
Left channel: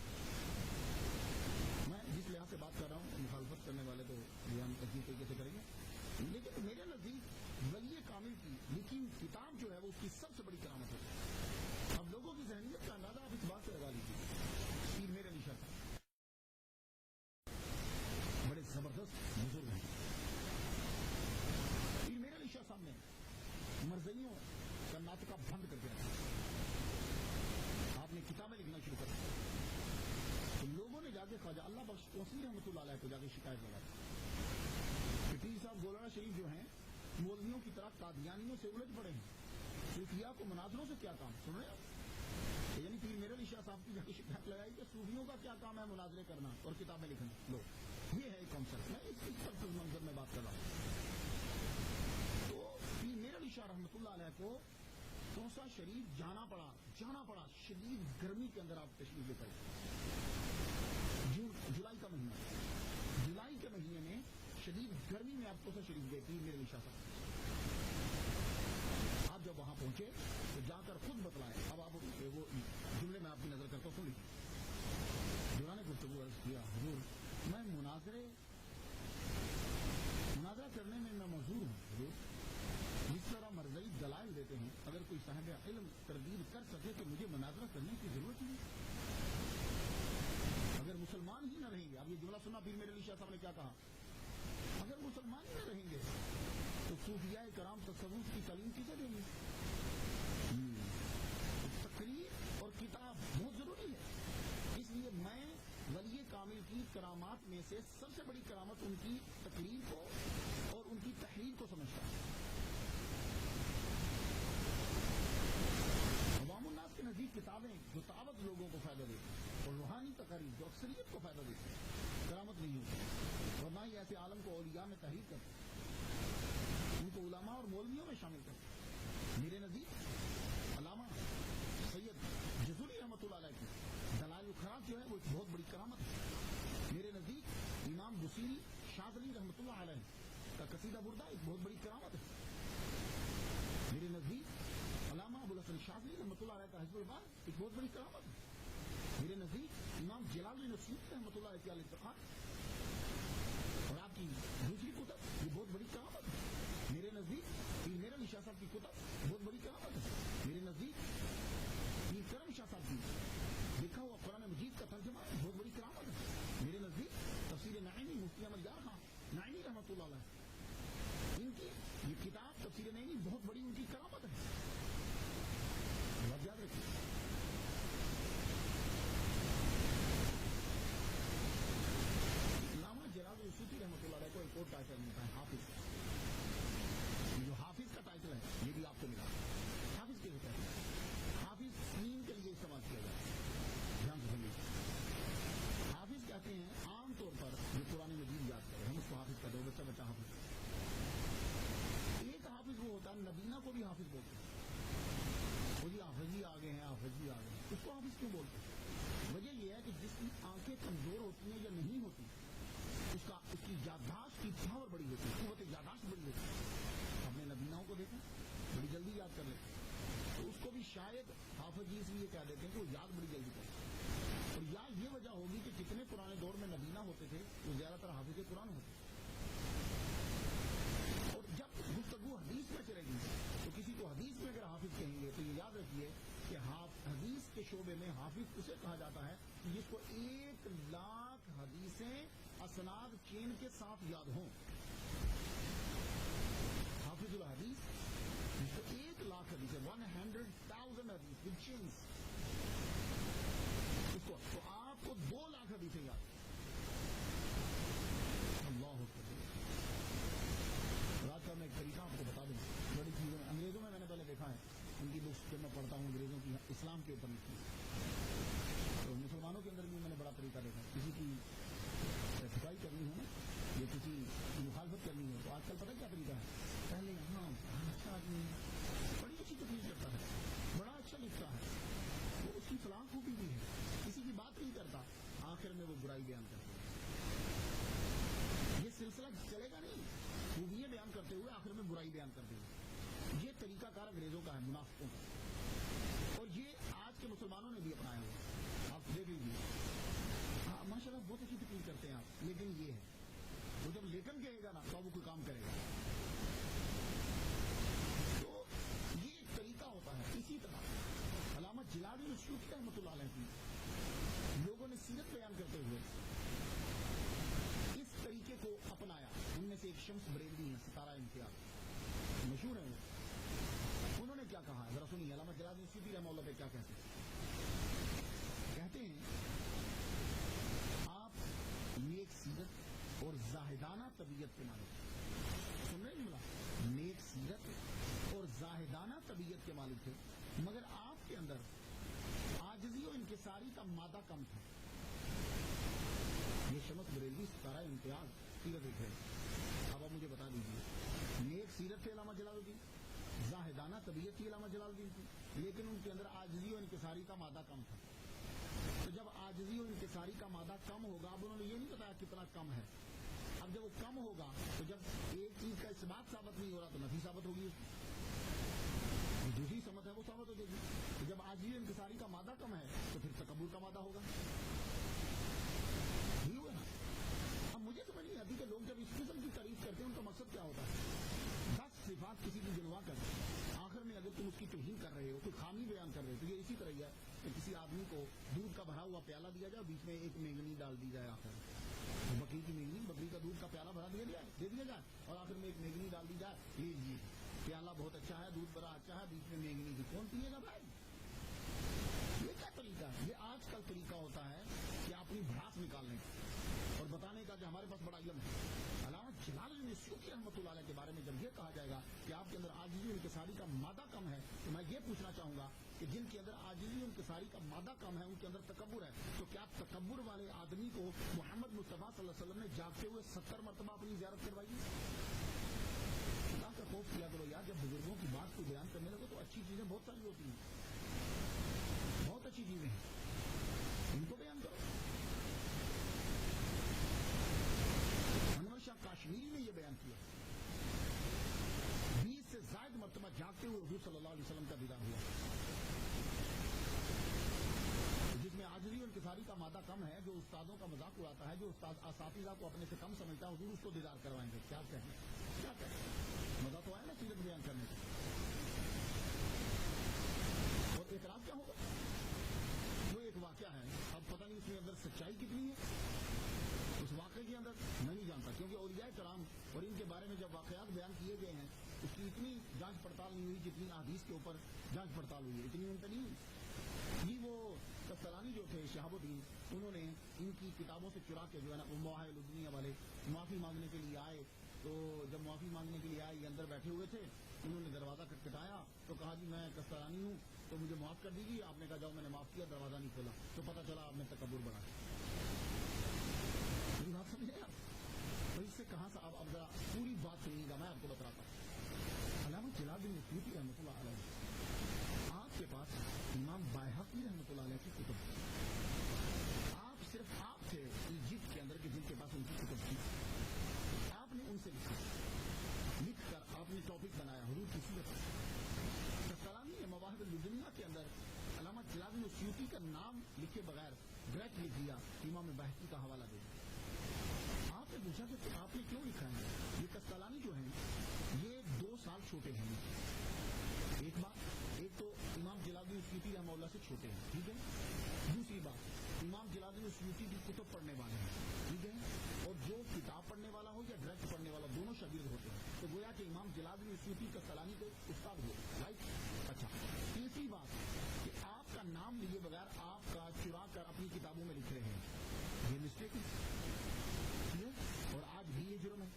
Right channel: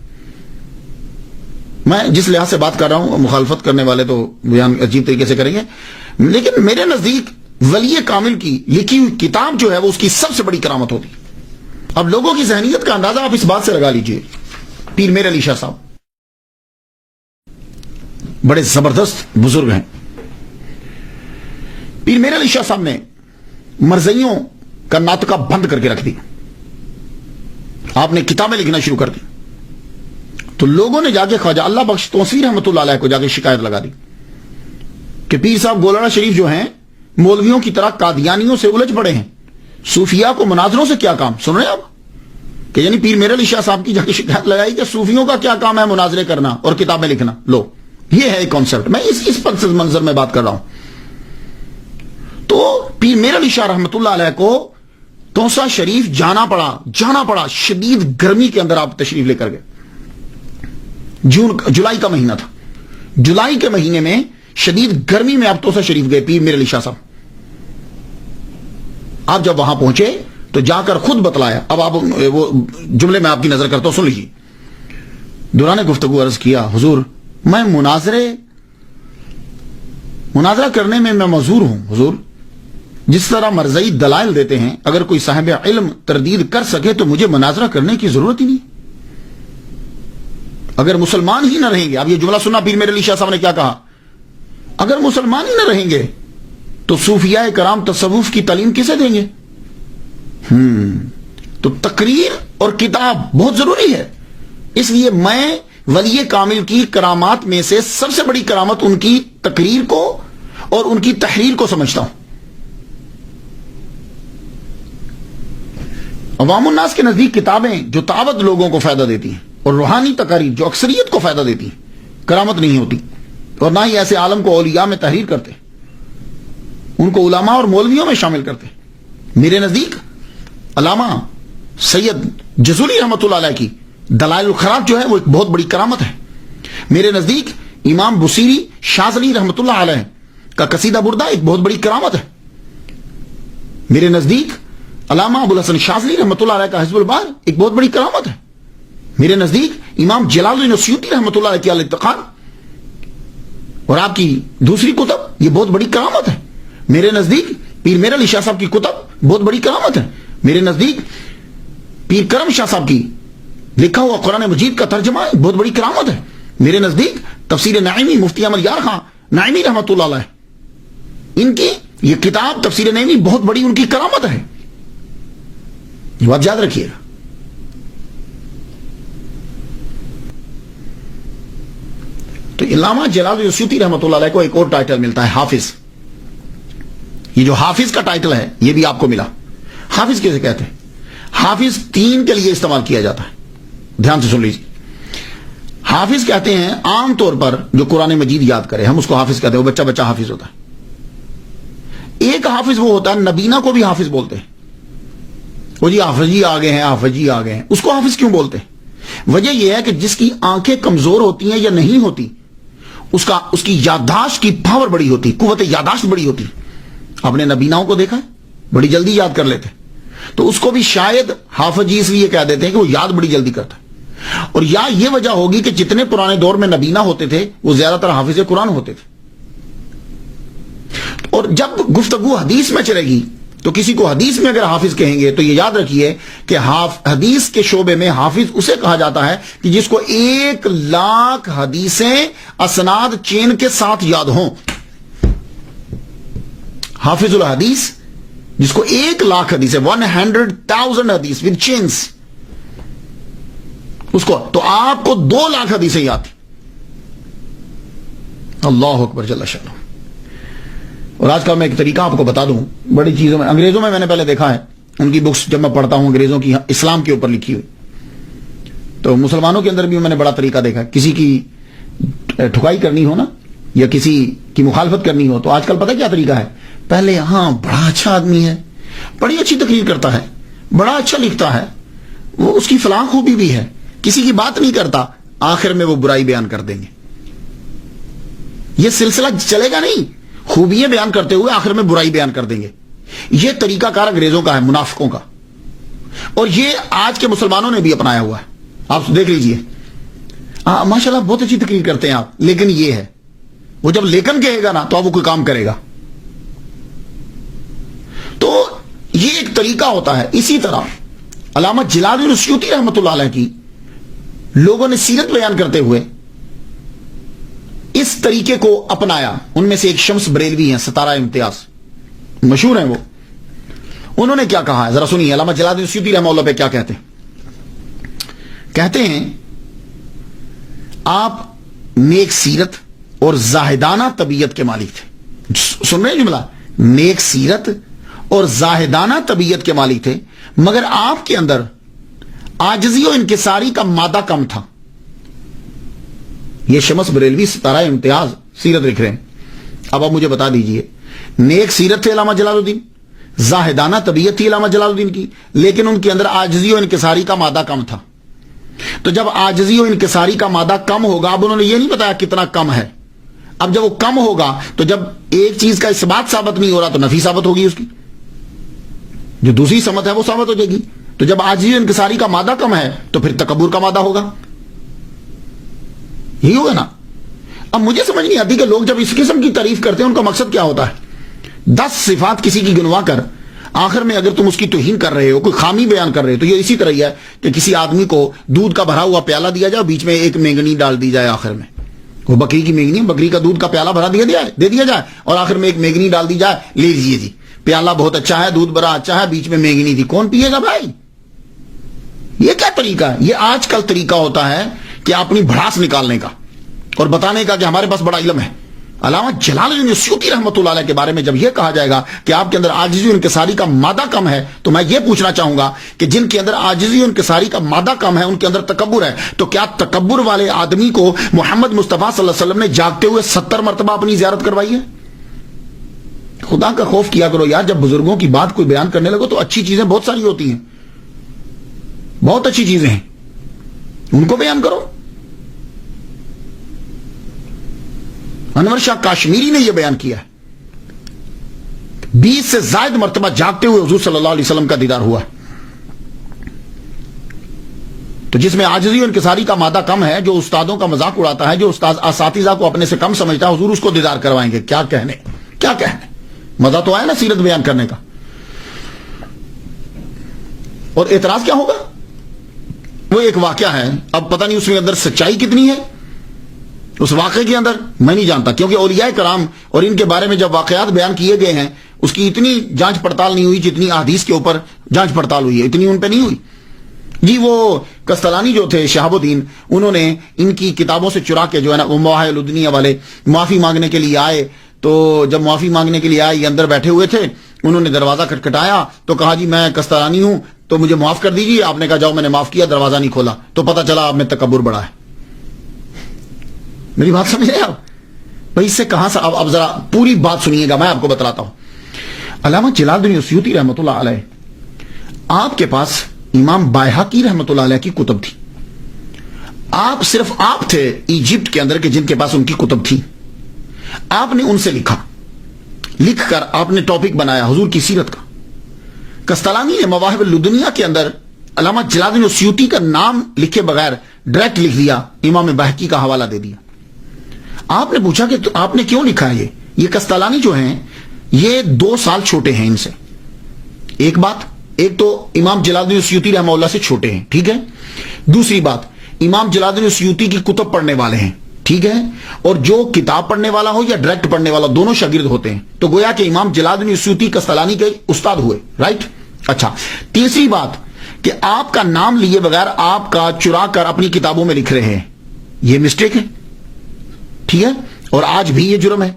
میں جس لحاظ سے بات کر رہا ہوں، مخالفت کرنے والے تو بیان عجیب طریقے سے کریں گے، لیکن میرے نزدیک ولی کامل کی لکھی ہوئی کتاب جو ہے وہ اس کی سب سے بڑی کرامت ہوتی. اب لوگوں کی ذہنیت کا اندازہ آپ اس بات سے لگا لیجئے. پیر میر علی شاہ صاحب بڑے زبردست بزرگ ہیں. پیر میر علی شاہ صاحب نے مرزائیوں کا ناطقہ بند کر کے رکھ دی. آپ نے کتابیں لکھنا شروع کر دی تو لوگوں نے جا کے خواجہ اللہ بخش توسیع رحمۃ اللہ علیہ کو جا کے شکایت لگا دی کہ پیر صاحب گولڑا شریف جو ہیں مولویوں کی طرح قادیانیوں سے الجھ پڑے ہیں، صوفیاء کو مناظروں سے کیا کام. سن رہے ہیں آپ کہ یعنی پیر میر علی شاہ صاحب کی جا کے شکایت لگائی کہ صوفیوں کا کیا کام ہے مناظرے کرنا اور کتابیں لکھنا. لو یہ ہے ایک کانسیپٹ. میں اس پس منظر میں بات کر رہا ہوں. تو پیر میر علی شاہ رحمۃ اللہ علیہ کو توسا شریف جانا پڑا. شدید گرمی کے اندر آپ تشریف لے کر گئے. جولائی کا مہینہ تھا. جولائی کے مہینے میں شدید گرمی میں آپ توسا شریف گئے پیر میر علی شاہ صاحب. آپ جب وہاں پہنچے تو جا کر خود بتلایا. اب آپ وہ جملے میں آپ کی نظر کرتا ہوں، سن لیجیے. دوران گفتگو عرض کیا، حضور میں مناظرہ کرنے میں معذور ہوں. حضور جس طرح مرزائی دلائل دیتے ہیں، اگر کوئی صاحب علم تردید کر سکے تو مجھے مناظرہ کرنے کی ضرورت ہی نہیں. اگر مسلمان ہی نہ رہیں گے، اب یہ جملہ سنا پیر میر علی شاہ صاحب نے کیا کہا، اگر مسلمان ہی نہ رہیں گے تو صوفیاء کرام تصوف کی تعلیم کسے دیں گے؟ تو تقریر اور کتاب بہت ضروری ہے. اس لیے میں ولی کامل کی کرامات میں سے سب سے بڑی کرامت ان کی تقریر کو اور ان کی تحریر کو سمجھتا ہوں. عوام الناس کے نزدیک کتابیں جو تعبد لوگوں کو فائدہ دیتی ہیں اور روحانی تقاریر جو اکثریت کو فائدہ دیتی ہیں کرامت نہیں ہوتی، اور نہ ہی ایسے عالم کو اولیاء میں تحریر کرتے، ان کو علماء اور مولویوں میں شامل کرتے. میرے نزدیک علامہ سید جزولی رحمۃ اللہ علیہ کی دلائل الخراج جو ہے وہ ایک بہت بڑی کرامت ہے. میرے نزدیک امام بصیری شاذلی رحمۃ اللہ علیہ کا قصیدہ بردہ ایک بہت بڑی کرامت ہے. میرے نزدیک علامہ ابو الحسن شاذلی رحمۃ اللہ علیہ کا حزب البار ایک بہت بڑی کرامت ہے. میرے نزدیک امام جلال الدین السیوطی رحمۃ اللہ علیہ کی الاتقان اور آپ کی دوسری کتب یہ بہت بڑی کرامت ہے. میرے نزدیک پیر میر علی شاہ صاحب کی کتب بہت بڑی کرامت ہے. میرے نزدیک پیر کرم شاہ صاحب کی لکھا ہوا قرآن مجید کا ترجمہ بہت بڑی کرامت ہے. میرے نزدیک تفسیر نعیمی مفتی احمد یار خان نعیمی رحمۃ اللہ علیہ، ان کی یہ کتاب تفسیر نعیمی بہت بڑی ان کی کرامت ہے. یہ بات یاد رکھیے گا. تو علامہ جلال السیوطی رحمۃ اللہ علیہ کو ایک اور ٹائٹل ملتا ہے حافظ. یہ جو حافظ کا ٹائٹل ہے یہ بھی آپ کو ملا. حافظ کیسے کہتے ہیں؟ حافظ تین کے لیے استعمال کیا جاتا ہے، دھیان سے سن لیجیے. حافظ کہتے ہیں عام طور پر جو قرآن مجید یاد کرے ہم اس کو حافظ کہتے ہیں، وہ بچہ حافظ ہوتا ہے. ایک حافظ وہ ہوتا ہے نبینا کو بھی حافظ بولتے ہیں. وہ جی حافظ جی آ گئے ہیں، حافظ جی آ گئے ہیں. اس کو حافظ کیوں بولتے ہیں؟ وجہ یہ ہے کہ جس کی آنکھیں کمزور ہوتی ہیں یا نہیں ہوتی اس کی یادداشت کی پاور بڑی ہوتی، قوت یادداشت بڑی ہوتی. آپ نے نبیناؤں کو دیکھا ہے بڑی جلدی یاد کر لیتے، تو اس کو بھی شاید حافظ جی اس لیے کہہ دیتے ہیں کہ وہ یاد بڑی جلدی کرتا ہے. اور یا یہ وجہ ہوگی کہ جتنے پرانے دور میں نبینا ہوتے تھے وہ زیادہ تر حافظ قرآن ہوتے تھے. اور جب گفتگو حدیث میں چلے گی تو کسی کو حدیث میں اگر حافظ کہیں گے تو یہ یاد رکھیے کہ حدیث کے شعبے میں حافظ اسے کہا جاتا ہے کہ جس کو 1,00,000 حدیثیں اسناد چین کے ساتھ یاد ہوں. حافظ الحدیث جس کو 1,00,000 حدیثیں 100,000 حدیث ود چینز اس کو, تو آپ کو 2,00,000 حدیثیں یاد. اللہ اکبر جل شانہ. اور آج کل میں ایک طریقہ آپ کو بتا دوں, بڑی چیزوں میں انگریزوں میں نے پہلے دیکھا ہے, ان کی بکس جب میں پڑھتا ہوں انگریزوں کی اسلام کے اوپر لکھی ہوئی, تو مسلمانوں کے اندر بھی میں نے بڑا طریقہ دیکھا. کسی کی ٹھکائی کرنی ہو نا, یا کسی کی مخالفت کرنی ہو, تو آج کل پتہ کیا طریقہ ہے, پہلے ہاں بڑا اچھا آدمی ہے, بڑی اچھی تقریر کرتا ہے, بڑا اچھا لکھتا ہے, وہ اس کی فلاں خوبی بھی ہے, کسی کی بات نہیں کرتا, آخر میں وہ برائی بیان کر دیں گے. یہ سلسلہ چلے گا نہیں, خوبیاں بیان کرتے ہوئے آخر میں برائی بیان کر دیں گے. یہ طریقہ کار انگریزوں کا ہے, منافقوں کا, اور یہ آج کے مسلمانوں نے بھی اپنایا ہوا ہے. آپ دیکھ لیجئے, ماشاءاللہ بہت اچھی تقریر کرتے ہیں آپ, لیکن یہ ہے, وہ جب لیکن کہے گا نا تو اب وہ کوئی کام کرے گا. تو یہ ایک طریقہ ہوتا ہے. اسی طرح علامہ جلال الدین السیوطی رحمۃ اللہ علیہ کی لوگوں نے سیرت بیان کرتے ہوئے اس طریقے کو اپنایا. ان میں سے ایک شمس بریلوی ہیں, ستارہ امتیاز, مشہور ہیں وہ. انہوں نے کیا کہا ہے ذرا سنیے. علامہ جلال الدین السیوطی رحمۃ اللہ پہ کیا کہتے ہیں؟ کہتے ہیں آپ نیک سیرت اور زاہدانہ طبیعت کے مالک تھے. سن رہے ہیں جملہ, نیک سیرت اور زاہدانہ طبیعت کے مالک تھے, مگر آپ کے اندر عاجزی و انکساری کا مادہ کم تھا. یہ شمس بریلوی ستارہ امتیاز سیرت لکھ رہے ہیں. اب آپ مجھے بتا دیجئے, نیک سیرت تھے علامہ جلال الدین, زاہدانہ طبیعت تھی علامہ جلال الدین کی, لیکن ان کے اندر عاجزی و انکساری کا مادہ کم تھا. تو جب عاجزی و انکساری کا مادہ کم ہوگا, اب انہوں نے یہ نہیں بتایا کتنا کم ہے, اب جب وہ کم ہوگا تو جب ایک چیز کا اثبات ثابت نہیں ہو رہا تو نفی ثابت ہوگی, اس کی جو دوسری سمت ہے وہ ثابت ہو جائے گی. تو جب عاجزی و انکساری کا مادہ کم ہے تو پھر تکبر کا مادہ ہوگا, یہی ہوگا نا. اب مجھے سمجھ نہیں آتی کہ لوگ جب اس قسم کی تعریف کرتے ہیں ان کا مقصد کیا ہوتا ہے. 10 صفات کسی کی گنوا کر آخر میں اگر تم اس کی توہین کر رہے ہو, کوئی خامی بیان کر رہے ہو, تو یہ اسی طرح ہی ہے کہ کسی آدمی کو دودھ کا بھرا ہوا پیالہ دیا جائے, بیچ میں ایک مینگنی ڈال دی جائے, آخر میں وہ بکری کی مینگنی, بکری کا دودھ کا پیالہ بھرا دے دیا جائے, اور آخر میں ایک مینگنی ڈال دی جائے, لے لیجیے جی پیالہ بہت اچھا ہے, دودھ بڑا اچھا ہے, بیچ میں مینگنی تھی, کون پیے گا بھائی؟ یہ کیا طریقہ ہے؟ یہ آج کل طریقہ ہوتا ہے کہ اپنی بھڑاس نکالنے کا اور بتانے کا کہ ہمارے پاس بڑا علم ہے. علامہ جلال الدین السیوطی رحمۃ اللہ علیہ کے بارے میں جب یہ کہا جائے گا کہ آپ کے اندر عاجزی و انکساری کا مادہ کم ہے, تو میں یہ پوچھنا چاہوں گا کہ جن کے اندر عاجزی و انکساری کا مادہ کم ہے ان کے اندر تکبر ہے, تو کیا تکبر والے آدمی کو محمد مصطفیٰ صلی اللہ علیہ وسلم نے جاگتے ہوئے 70 مرتبہ اپنی زیارت کروائی ہے؟ خدا کا خوف کیا کرو یار. جب بزرگوں کی بات کوئی بیان کرنے لگو تو اچھی چیزیں بہت ساری ہوتی ہیں, بہت اچھی چیزیں ہیں, ان کو بیان کرو. انور شاہ کاشمیری نے یہ بیان کیا ہے, 20 سے زائد مرتبہ جاگتے ہوئے حضور صلی اللہ علیہ وسلم کا دیدار ہوا ہے. تو جس میں عاجزی و انکساری کا مادہ کم ہے, جو استادوں کا مذاق اڑاتا ہے, جو استاد اساتذہ کو اپنے سے کم سمجھتا ہے, حضور اس کو دیدار کروائیں گے. کیا کہنے, مزہ تو آیا نا سیرت بیان کرنے کا. اور اعتراض کیا ہوگا؟ وہ ایک واقعہ ہے, اب پتہ نہیں اس میں اندر سچائی کتنی ہے اس واقعے کے اندر, میں نہیں جانتا, کیونکہ اولیاء کرام اور ان کے بارے میں جب واقعات بیان کیے گئے ہیں اس کی اتنی جانچ پڑتال نہیں ہوئی جتنی احادیث کے اوپر جانچ پڑتال ہوئی ہے, اتنی ان پہ نہیں ہوئی. جی وہ کستلانی جو تھے شہاب الدین, انہوں نے ان کی کتابوں سے چرا کے جو ہے نا وہ مواہب الدنیا والے معافی مانگنے کے لیے آئے. تو جب معافی مانگنے کے لیے آئے, یہ اندر بیٹھے ہوئے تھے, انہوں نے دروازہ کھٹکھٹایا تو کہا جی میں کستلانی ہوں تو مجھے معاف کر دیجیے. آپ نے کہا جاؤ, میں نے معاف کیا, دروازہ نہیں کھولا, تو پتہ چلا آپ میں تکبر بڑا ہے. میری بات سمجھ رہے آپ بھائی؟ اس سے کہاں سے, اب ذرا پوری بات سنیے گا, میں آپ کو بتلاتا ہوں. علامہ جلال الدین السیوطی رحمۃ اللہ علیہ, آپ کے پاس امام بائہقی رحمۃ اللہ علیہ کی کتب تھی. آپ صرف آپ تھے ایجپٹ کے اندر کہ جن کے پاس ان کی کتب تھی. آپ نے ان سے لکھ کر آپ نے ٹاپک بنایا حضور کی سیرت کا. کستلانی نے مواہب الدنیا کے اندر علامہ جلال الدین السیوطی کا نام لکھے بغیر ڈائریکٹ لکھ دیا, امام بائہقی کا حوالہ دے دیا. آپ نے پوچھا کہ آپ نے کیوں لکھا ہے یہ کستلانی جو ہیں یہ 2 سال چھوٹے ہیں ان سے, ایک بات، ایک تو امام جلال الدین السیوطی رحمہ اللہ سے چھوٹے ہیں، ٹھیک ہے. دوسری بات، امام جلال الدین السیوطی کی کتب پڑھنے والے ہیں، ٹھیک ہے. اور جو کتاب پڑھنے والا ہو یا ڈائریکٹ پڑھنے والا، دونوں شاگرد ہوتے ہیں. تو گویا کہ امام جلال الدین السیوطی قسطلانی کے استاد ہوئے، رائٹ. اچھا، تیسری بات کہ آپ کا نام لیے بغیر آپ کا چرا کر اپنی کتابوں میں لکھ رہے ہیں، یہ مسٹیک ہے، ٹھیک ہے. اور آج بھی یہ جرم ہے.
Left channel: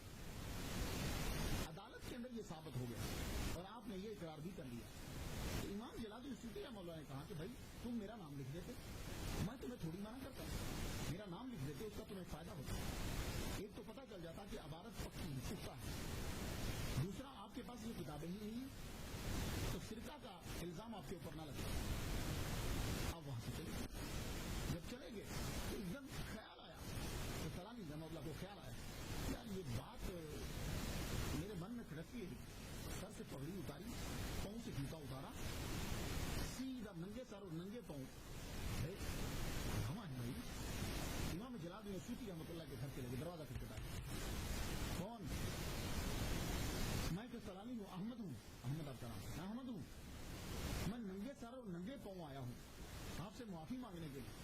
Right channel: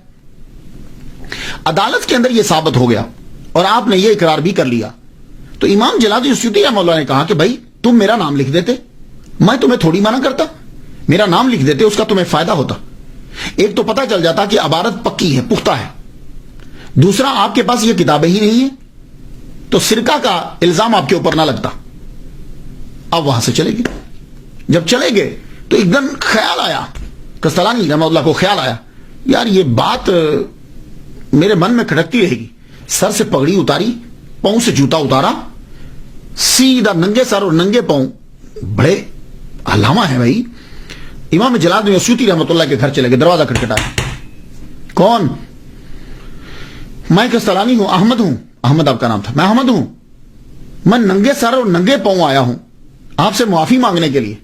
عدالت کے اندر یہ ثابت ہو گیا اور آپ نے یہ اقرار بھی کر لیا. تو امام جلال الدین السیوطی رحمہ اللہ نے کہا کہ بھائی تم میرا نام لکھ دیتے، میں تمہیں تھوڑی منع کرتا، میرا نام لکھ دیتے، اس کا تمہیں فائدہ ہوتا. ایک تو پتہ چل جاتا کہ عبارت پکی ہے، پختہ ہے. دوسرا، آپ کے پاس یہ کتابیں ہی نہیں ہیں تو سرقہ کا الزام آپ کے اوپر نہ لگتا. اب وہاں سے چلے گئے. جب چلے گئے تو ایک دم خیال آیا، قسطلانی رحمہ اللہ کو خیال آیا، یار یہ بات میرے من میں کھٹکتی رہے گی. سر سے پگڑی اتاری، پاؤں سے جوتا اتارا، سیدھا ننگے سر اور ننگے پاؤں، بڑے علامہ ہیں بھائی، امام جلال الدین السیوطی رحمۃ اللہ کے گھر چلے گئے. دروازہ کھٹکھٹایا. کون؟ میں قسطلانی ہوں، احمد ہوں. احمد آپ کا نام تھا. میں احمد ہوں، میں ننگے سر اور ننگے پاؤں آیا ہوں آپ سے معافی مانگنے کے لیے.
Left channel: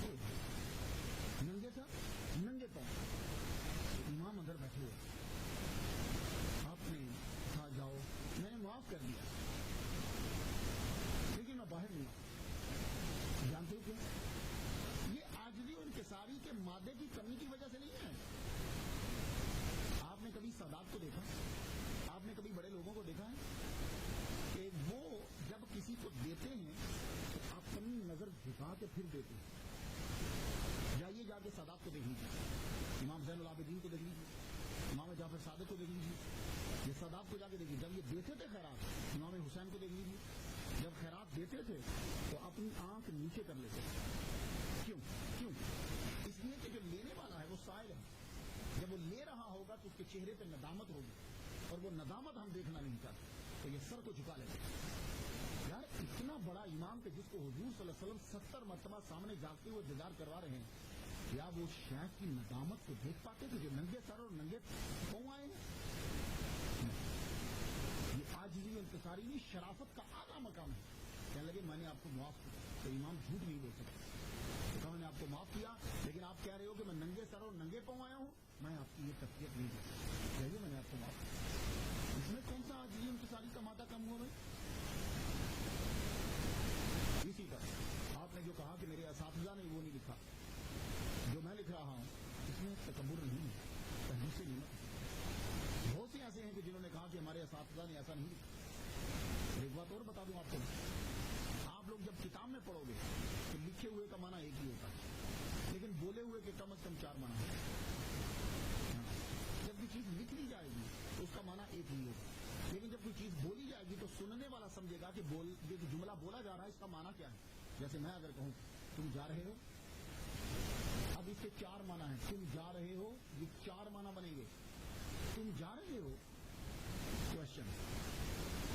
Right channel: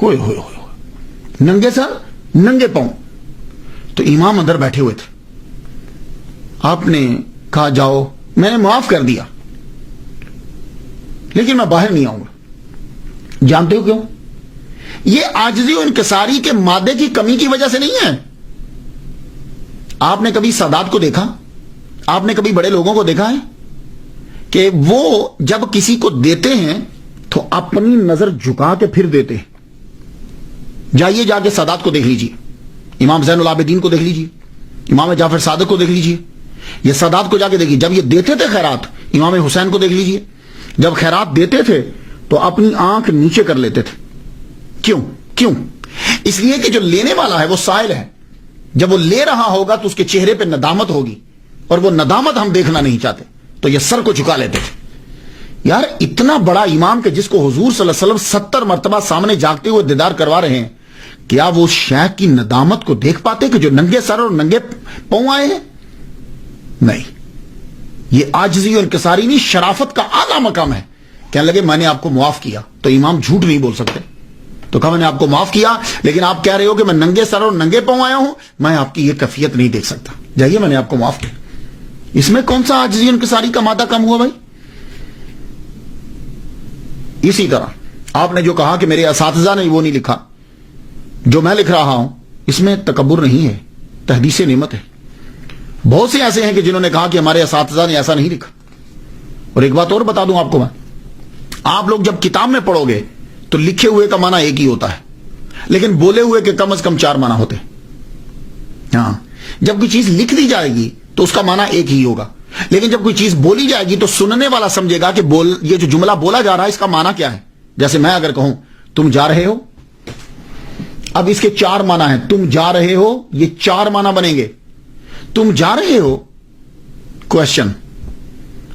ہوئے ہوئے ہوئے، ننگے سر ننگے پاؤں. تو امام اندر بیٹھے ہوئے تھے. آپ نے کہا جاؤ، میں نے معاف کر دیا لیکن میں باہر نہیں آؤں گا. جانتے ہو کیوں؟ یہ عاجزی و انکساری کے مادے کی کمی کی وجہ سے نہیں ہے. آپ نے کبھی سادات کو دیکھا؟ آپ نے کبھی بڑے لوگوں کو دیکھا ہے کہ وہ جب کسی کو دیتے ہیں تو اپنی نظر جھکا کے پھر دیتے ہیں؟ جائیے جا کے سادات کو دیکھ لیجیے، امام زین العابدین کو دیکھ لیجیے، امام جعفر صادق کو دیکھ لیجیے. یہ سادات کو جا کے دیکھیے، جب یہ دیتے تھے خیرات، امام حسین کو دیکھ لیجیے، جب خیرات دیتے تھے تو اپنی آنکھ نیچے کر لیتے تھے. کیوں؟ اس لیے کہ جو لینے والا ہے وہ سائل ہے. جب وہ لے رہا ہوگا تو اس کے چہرے پہ ندامت ہوگی، اور وہ ندامت ہم دیکھنا نہیں چاہتے، تو یہ سر کو جھکا لیتے تھے. یار اتنا بڑا امام کہ جس کو حضور صلی اللہ علیہ وسلم 70 مرتبہ سامنے جاگتے ہوئے دیدار کروا رہے ہیں، کیا وہ شیخ کی ندامت کو دیکھ پاتے کہ جو ننگے سر اور ننگے پاؤں آئے ہیں؟ نہیں. یہ عاجزی اور انکساری نہیں، شرافت کا اعلیٰ مقام ہے. کہنے لگے میں نے آپ کو معاف کیا. تو امام جھوٹ نہیں بول سکتے. تو کہا میں نے آپ کو معاف کیا، لیکن آپ کہہ رہے ہو کہ میں ننگے سر اور ننگے پاؤں آیا ہوں، میں آپ کی یہ کیفیت نہیں دیکھ سکتا. جائیے، میں نے آپ کو معاف کیا. اس میں کون سا عاجزی اور انکساری کا مادہ کم ہوا بھائی؟ اسی طرح آپ نے جو کہا کہ میرے اساتذہ نے وہ نہیں لکھا جو میں لکھ رہا ہوں، اس میں تکبر نہیں ہے، تحدیث نعمت ہے. بہت سے ایسے ہیں کہ جنہوں نے کہا کہ ہمارے اساتذہ نے ایسا نہیں لکھا. اور ایک بات اور بتا دوں آپ کو میں، آپ لوگ جب کتاب میں پڑھو گے تو لکھے ہوئے کا معنی ایک ہی ہوتا ہے، لیکن بولے ہوئے کے کم از کم 4 معنی ہوتے ہیں. ہاں، جب کوئی چیز لکھ دی جائے گی تو اس کا معنی ایک ہی ہوگا، لیکن جب کوئی چیز بولی جائے گی تو سننے والا سمجھے گا کہ یہ جو جملہ بولا جا رہا ہے اس کا معنی کیا ہے. جیسے میں اگر کہوں تم جا رہے ہو، اب اس کے 4 معنی ہیں. تم جا رہے ہو، یہ 4 معنی بنیں گے. تم جا رہے ہو، کوشچن.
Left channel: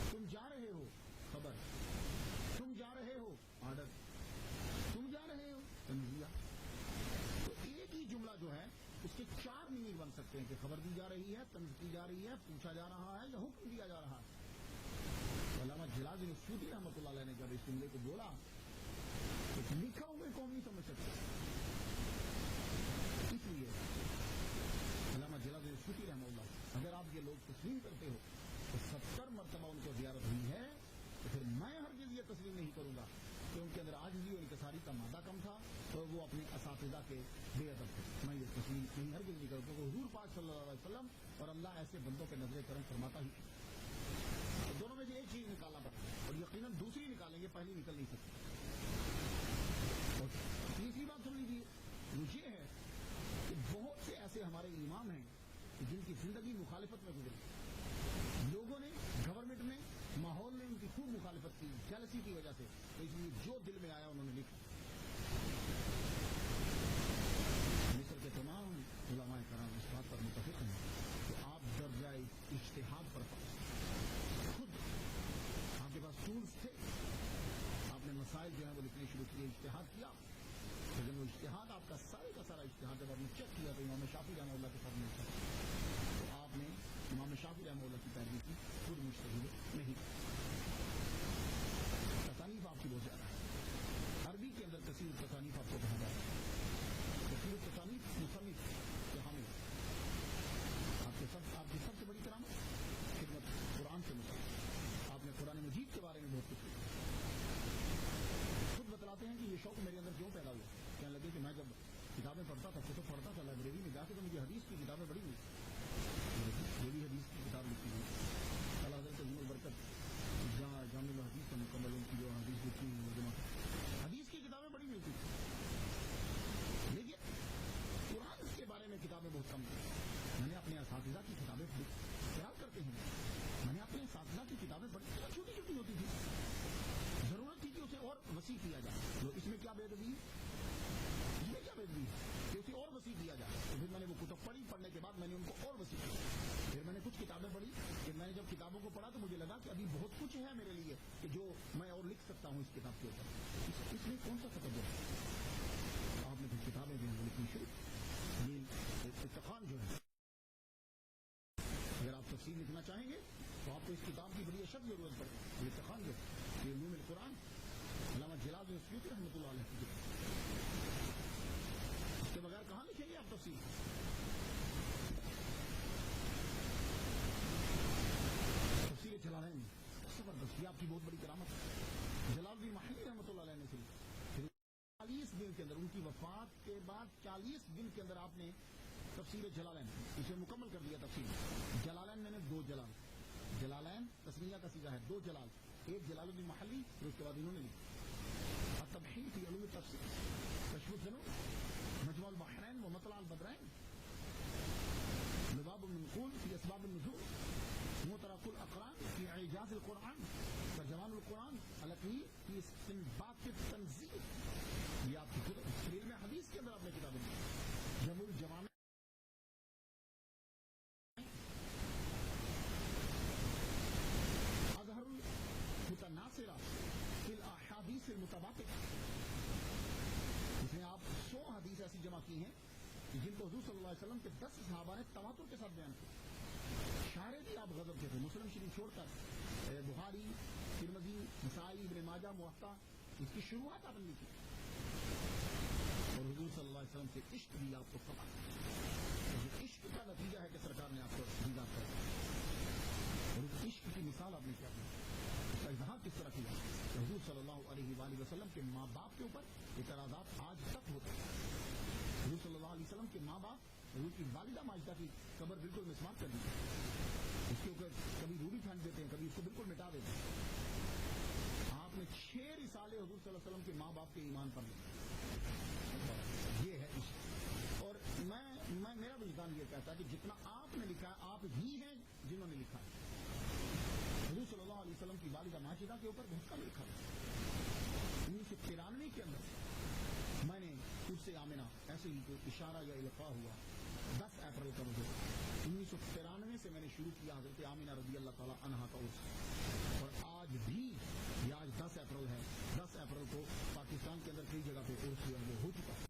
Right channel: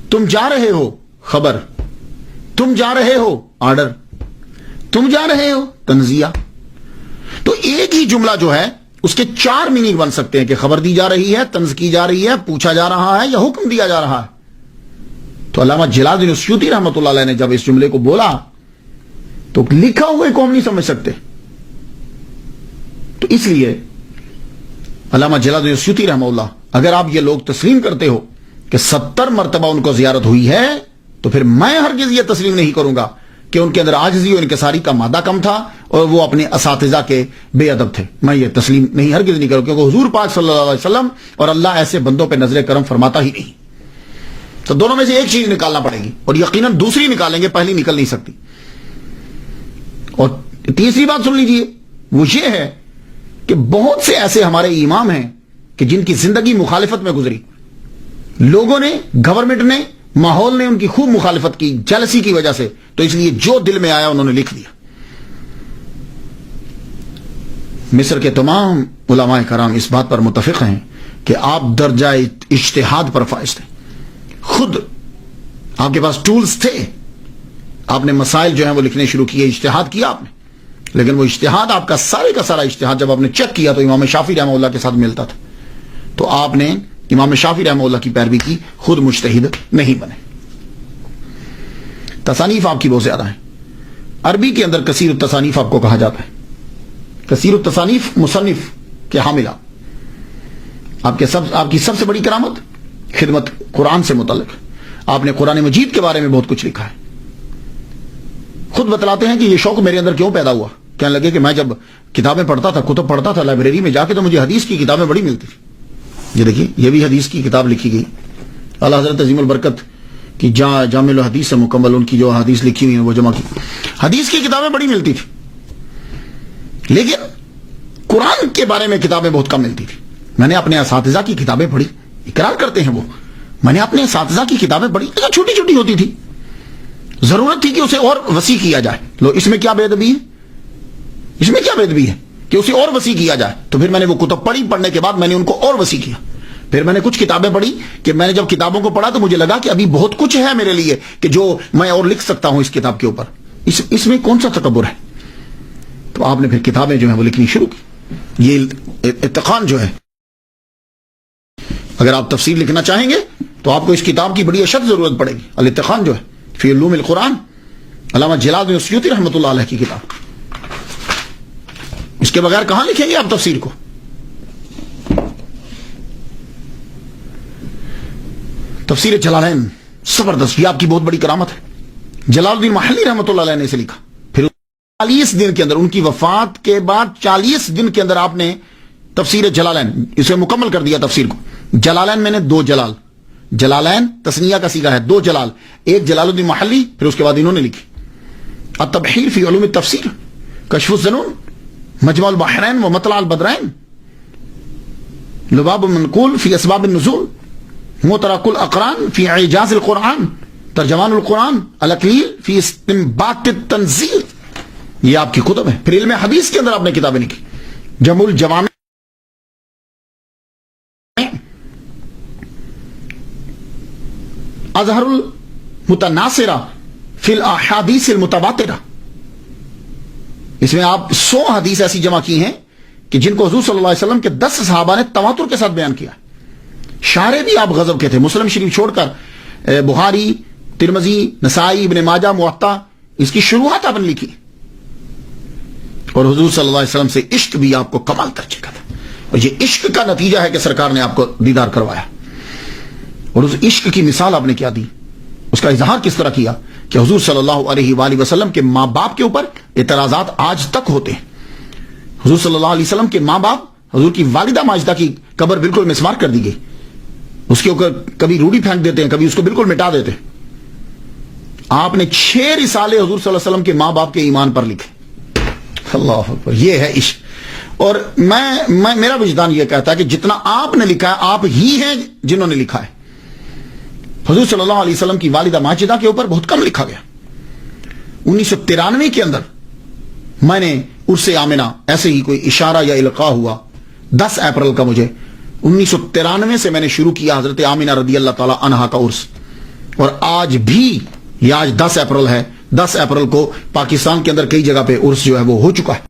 تم جا رہے ہو، خبر. تم جا رہے ہو، آرڈر. تم جا رہے ہو، تنزیہ. تو ایک ہی جملہ جو ہے اس کے 4 میننگ بن سکتے ہیں کہ خبر دی جا رہی ہے، طنز کی جا رہی ہے، پوچھا جا رہا ہے یا حکم دیا جا رہا ہے. تو علامہ جلال الدین السیوطی رحمۃ اللہ علیہ نے جب اس جملے کو بولا تو لکھا ہوئے کو ہم نہیں سمجھ سکتے. تو اس لیے علامہ جلال الدین السیوطی رحمہ اللہ، اگر آپ یہ لوگ تسلیم کرتے ہو کہ 70 مرتبہ ان کو زیارت ہوئی ہے، تو پھر میں ہرگز یہ تسلیم نہیں کروں گا کہ ان کے اندر عاجزی و انکساری کا مادہ کم تھا اور وہ اپنے اساتذہ کے بے ادب تھے. میں یہ تسلیم نہیں، ہرگز نہیں کروں، کیونکہ حضور پاک صلی اللہ علیہ وسلم اور اللہ ایسے بندوں پہ نظر کرم فرماتا ہی نہیں. تو دونوں میں سے ایک چیز نکالنا پڑے گی، اور یقیناً دوسری نکالیں گے، پہلی نکل نہیں سکتی. اور تیسری بات سن لیجئے، وہ یہ ہے کہ بہت سے ایسے ہمارے امام ہیں کہ جن کی زندگی مخالفت میں گزری. لوگوں نے، گورنمنٹ نے، ماحول نے ان کی خوب مخالفت کی، جلسی کی وجہ سے. تو اس لیے جو دل میں آیا انہوں نے لکھ دیا. مصر کے تمام علماء کرام اس بات پر متفق ہیں کہ آپ درجہ اجتہاد پر فائز تھے. خود آپ کے پاس ٹولز تھے، آپ نے مسائل جو ہیں وہ لکھنے شروع کیے، اجتہاد کیا آپ نے. لیکن وہ اجتہاد آپ کا سارے کا سارا اجتہاد جب آپ نے چیک کیا تو امام شافعی رحمہ اللہ کے ساتھ ملتا تھا. تو آپ نے امام شافعی رحمہ اللہ کی پیروی کی، خود مجتہد نہیں بنے. تصانیف آپ کی بہت زیادہ ہیں. عربی کے اندر کثیر التصانیف آپ کو کہا جاتا ہے. کثیر التصانیف مصنف کے حاملہ. آپ کی سب سے بڑی کرامت خدمت قرآن سے متعلق. آپ نے قرآن مجید کے بارے میں بہت کچھ لکھا ہے. خود بتلاتے ہیں کہ یہ شوق میرے اندر کیوں پیدا ہوا. کہنے لگے کہ میں جب کتابیں پڑھتا تھا, کتب پڑھتا تھا لائبریری میں جا کے, تو مجھے حدیث کی کتابیں بڑی ملتی تھی. یہ دیکھیے, یہ بھی حدیث کی کتاب لکھی گئی. اعلیٰ حضرت عظیم البرکت کی جامع الحدیث سے مکمل ان کی جو حدیث لکھی ہوئی ہیں وہ جمع کی. حدیث کی کتابیں بڑی ملتی تھی, لیکن قرآن کے بارے میں کتابیں بہت کم ملتی تھی. میں نے اپنے اساتذہ کی کتابیں پڑھی, اقرار کرتے ہیں وہ, میں نے اپنے اساتذہ کی کتابیں پڑھی, چھوٹی چھوٹی ہوتی تھی. ضرورت تھی کہ اسے اور وسیع کیا جائے. لو, اس میں کیا بے ادبی ہے, اس میں کیا بے ادبی ہے کہ اسے اور وسیع کیا جائے. تو پھر میں نے وہ کتب پڑھی, پڑھنے کے بعد میں نے ان کو اور وسیع کیا. پھر میں نے کچھ کتابیں پڑھی کہ میں نے جب کتابوں کو پڑھا تو مجھے لگا کہ ابھی بہت کچھ ہے میرے لیے کہ جو میں اور لکھ سکتا ہوں اس کتاب کے اوپر. اس میں کون سا تکبر ہے. تو آپ نے پھر کتابیں جو ہیں وہ لکھنی شروع کی. یہ اتقان جو ہے, اگر آپ تفسیر لکھنا چاہیں گے تو آپ کو اس کتاب کی بڑی اشد ضرورت پڑے گی. الاتقان جو ہے فی علوم القرآن, علامہ جلال بن السیوطی رحمۃ اللہ علیہ کی کتاب. اس کے بغیر کہاں لکھیں گے آپ تفسیر کو. تفسیر جلالین زبردست, یہ آپ کی بہت بڑی کرامت ہے. جلال الدین محلی رحمۃ اللہ علیہ نے اسے لکھا. پھر 40 دن کے اندر, ان کی وفات کے بعد 40 دن کے اندر آپ نے تفسیر جلالین اسے مکمل کر دیا. تفسیر کو جلالین میں نے 2 جلال, جلالین تسنیہ کا صیغہ ہے, 2 جلال, ایک جلال الدین محلی, پھر اس کے بعد انہوں نے لکھی التبحیر فی علوم التفسیر, کشف الظنون, مجمع البحرین و مطلع البدرین, لباب المنقول فی اسباب النزول, مترک الاقران فی اعجاز القرآن, ترجمان القرآن, الاقلیل فی استنباط التنزیل. یہ آپ کی کتب ہے. پھر علم حدیث کے اندر آپ نے کتابیں لکھی. جمع الجوامع, اظہر المتناصرہ فی الاحادیث المتواترہ. اس میں آپ 100 حدیث ایسی جمع کی ہیں کہ جن کو حضور صلی اللہ علیہ وسلم کے 10 صحابہ نے تواتر کے ساتھ بیان کیا. شارح بھی آپ غضب کے تھے. مسلم شریف چھوڑ کر بخاری, ترمذی, نسائی, ابن ماجہ, موطا, اس کی شروعات آپ نے لکھی. اور حضور صلی اللہ علیہ وسلم سے عشق بھی آپ کو کمال درجے کا تھا. اور یہ عشق کا نتیجہ ہے کہ سرکار نے آپ کو دیدار کروایا. اور اس عشق کی مثال آپ نے کیا دی, اس کا اظہار کس طرح کیا کہ حضور صلی اللہ علیہ وآلہ وسلم کے ماں باپ کے اوپر اعتراضات آج تک ہوتے ہیں. حضور صلی اللہ علیہ وسلم کے ماں باپ, حضور کی والدہ ماجدہ کی قبر بالکل مسمار کر دی گئی. اس کے اوپر کبھی روڑی پھینک دیتے ہیں, کبھی اس کو بالکل مٹا دیتے ہیں. آپ نے 6 رسالے حضور صلی اللہ علیہ وسلم کے ماں باپ کے ایمان پر لکھے. اللہ اکبر, یہ ہے عشق. اور میرا وجدان یہ کہتا ہے کہ جتنا آپ نے لکھا ہے آپ ہی ہیں جنہوں نے لکھا ہے. حضور صلی اللہ علیہ وسلم کی والدہ ماجدہ کے اوپر بہت کم لکھا گیا. 1993 کے اندر میں نے عرس آمنہ ایسے ہی کوئی اشارہ یا القاء ہوا 10 اپریل کا. مجھے 1993 سے میں نے شروع کیا حضرت آمنہ رضی اللہ تعالی عنہا کا عرس. اور آج بھی, یہ آج 10 اپریل ہے, 10 اپریل کو پاکستان کے اندر کئی جگہ پہ عرس جو ہے وہ ہو چکا ہے.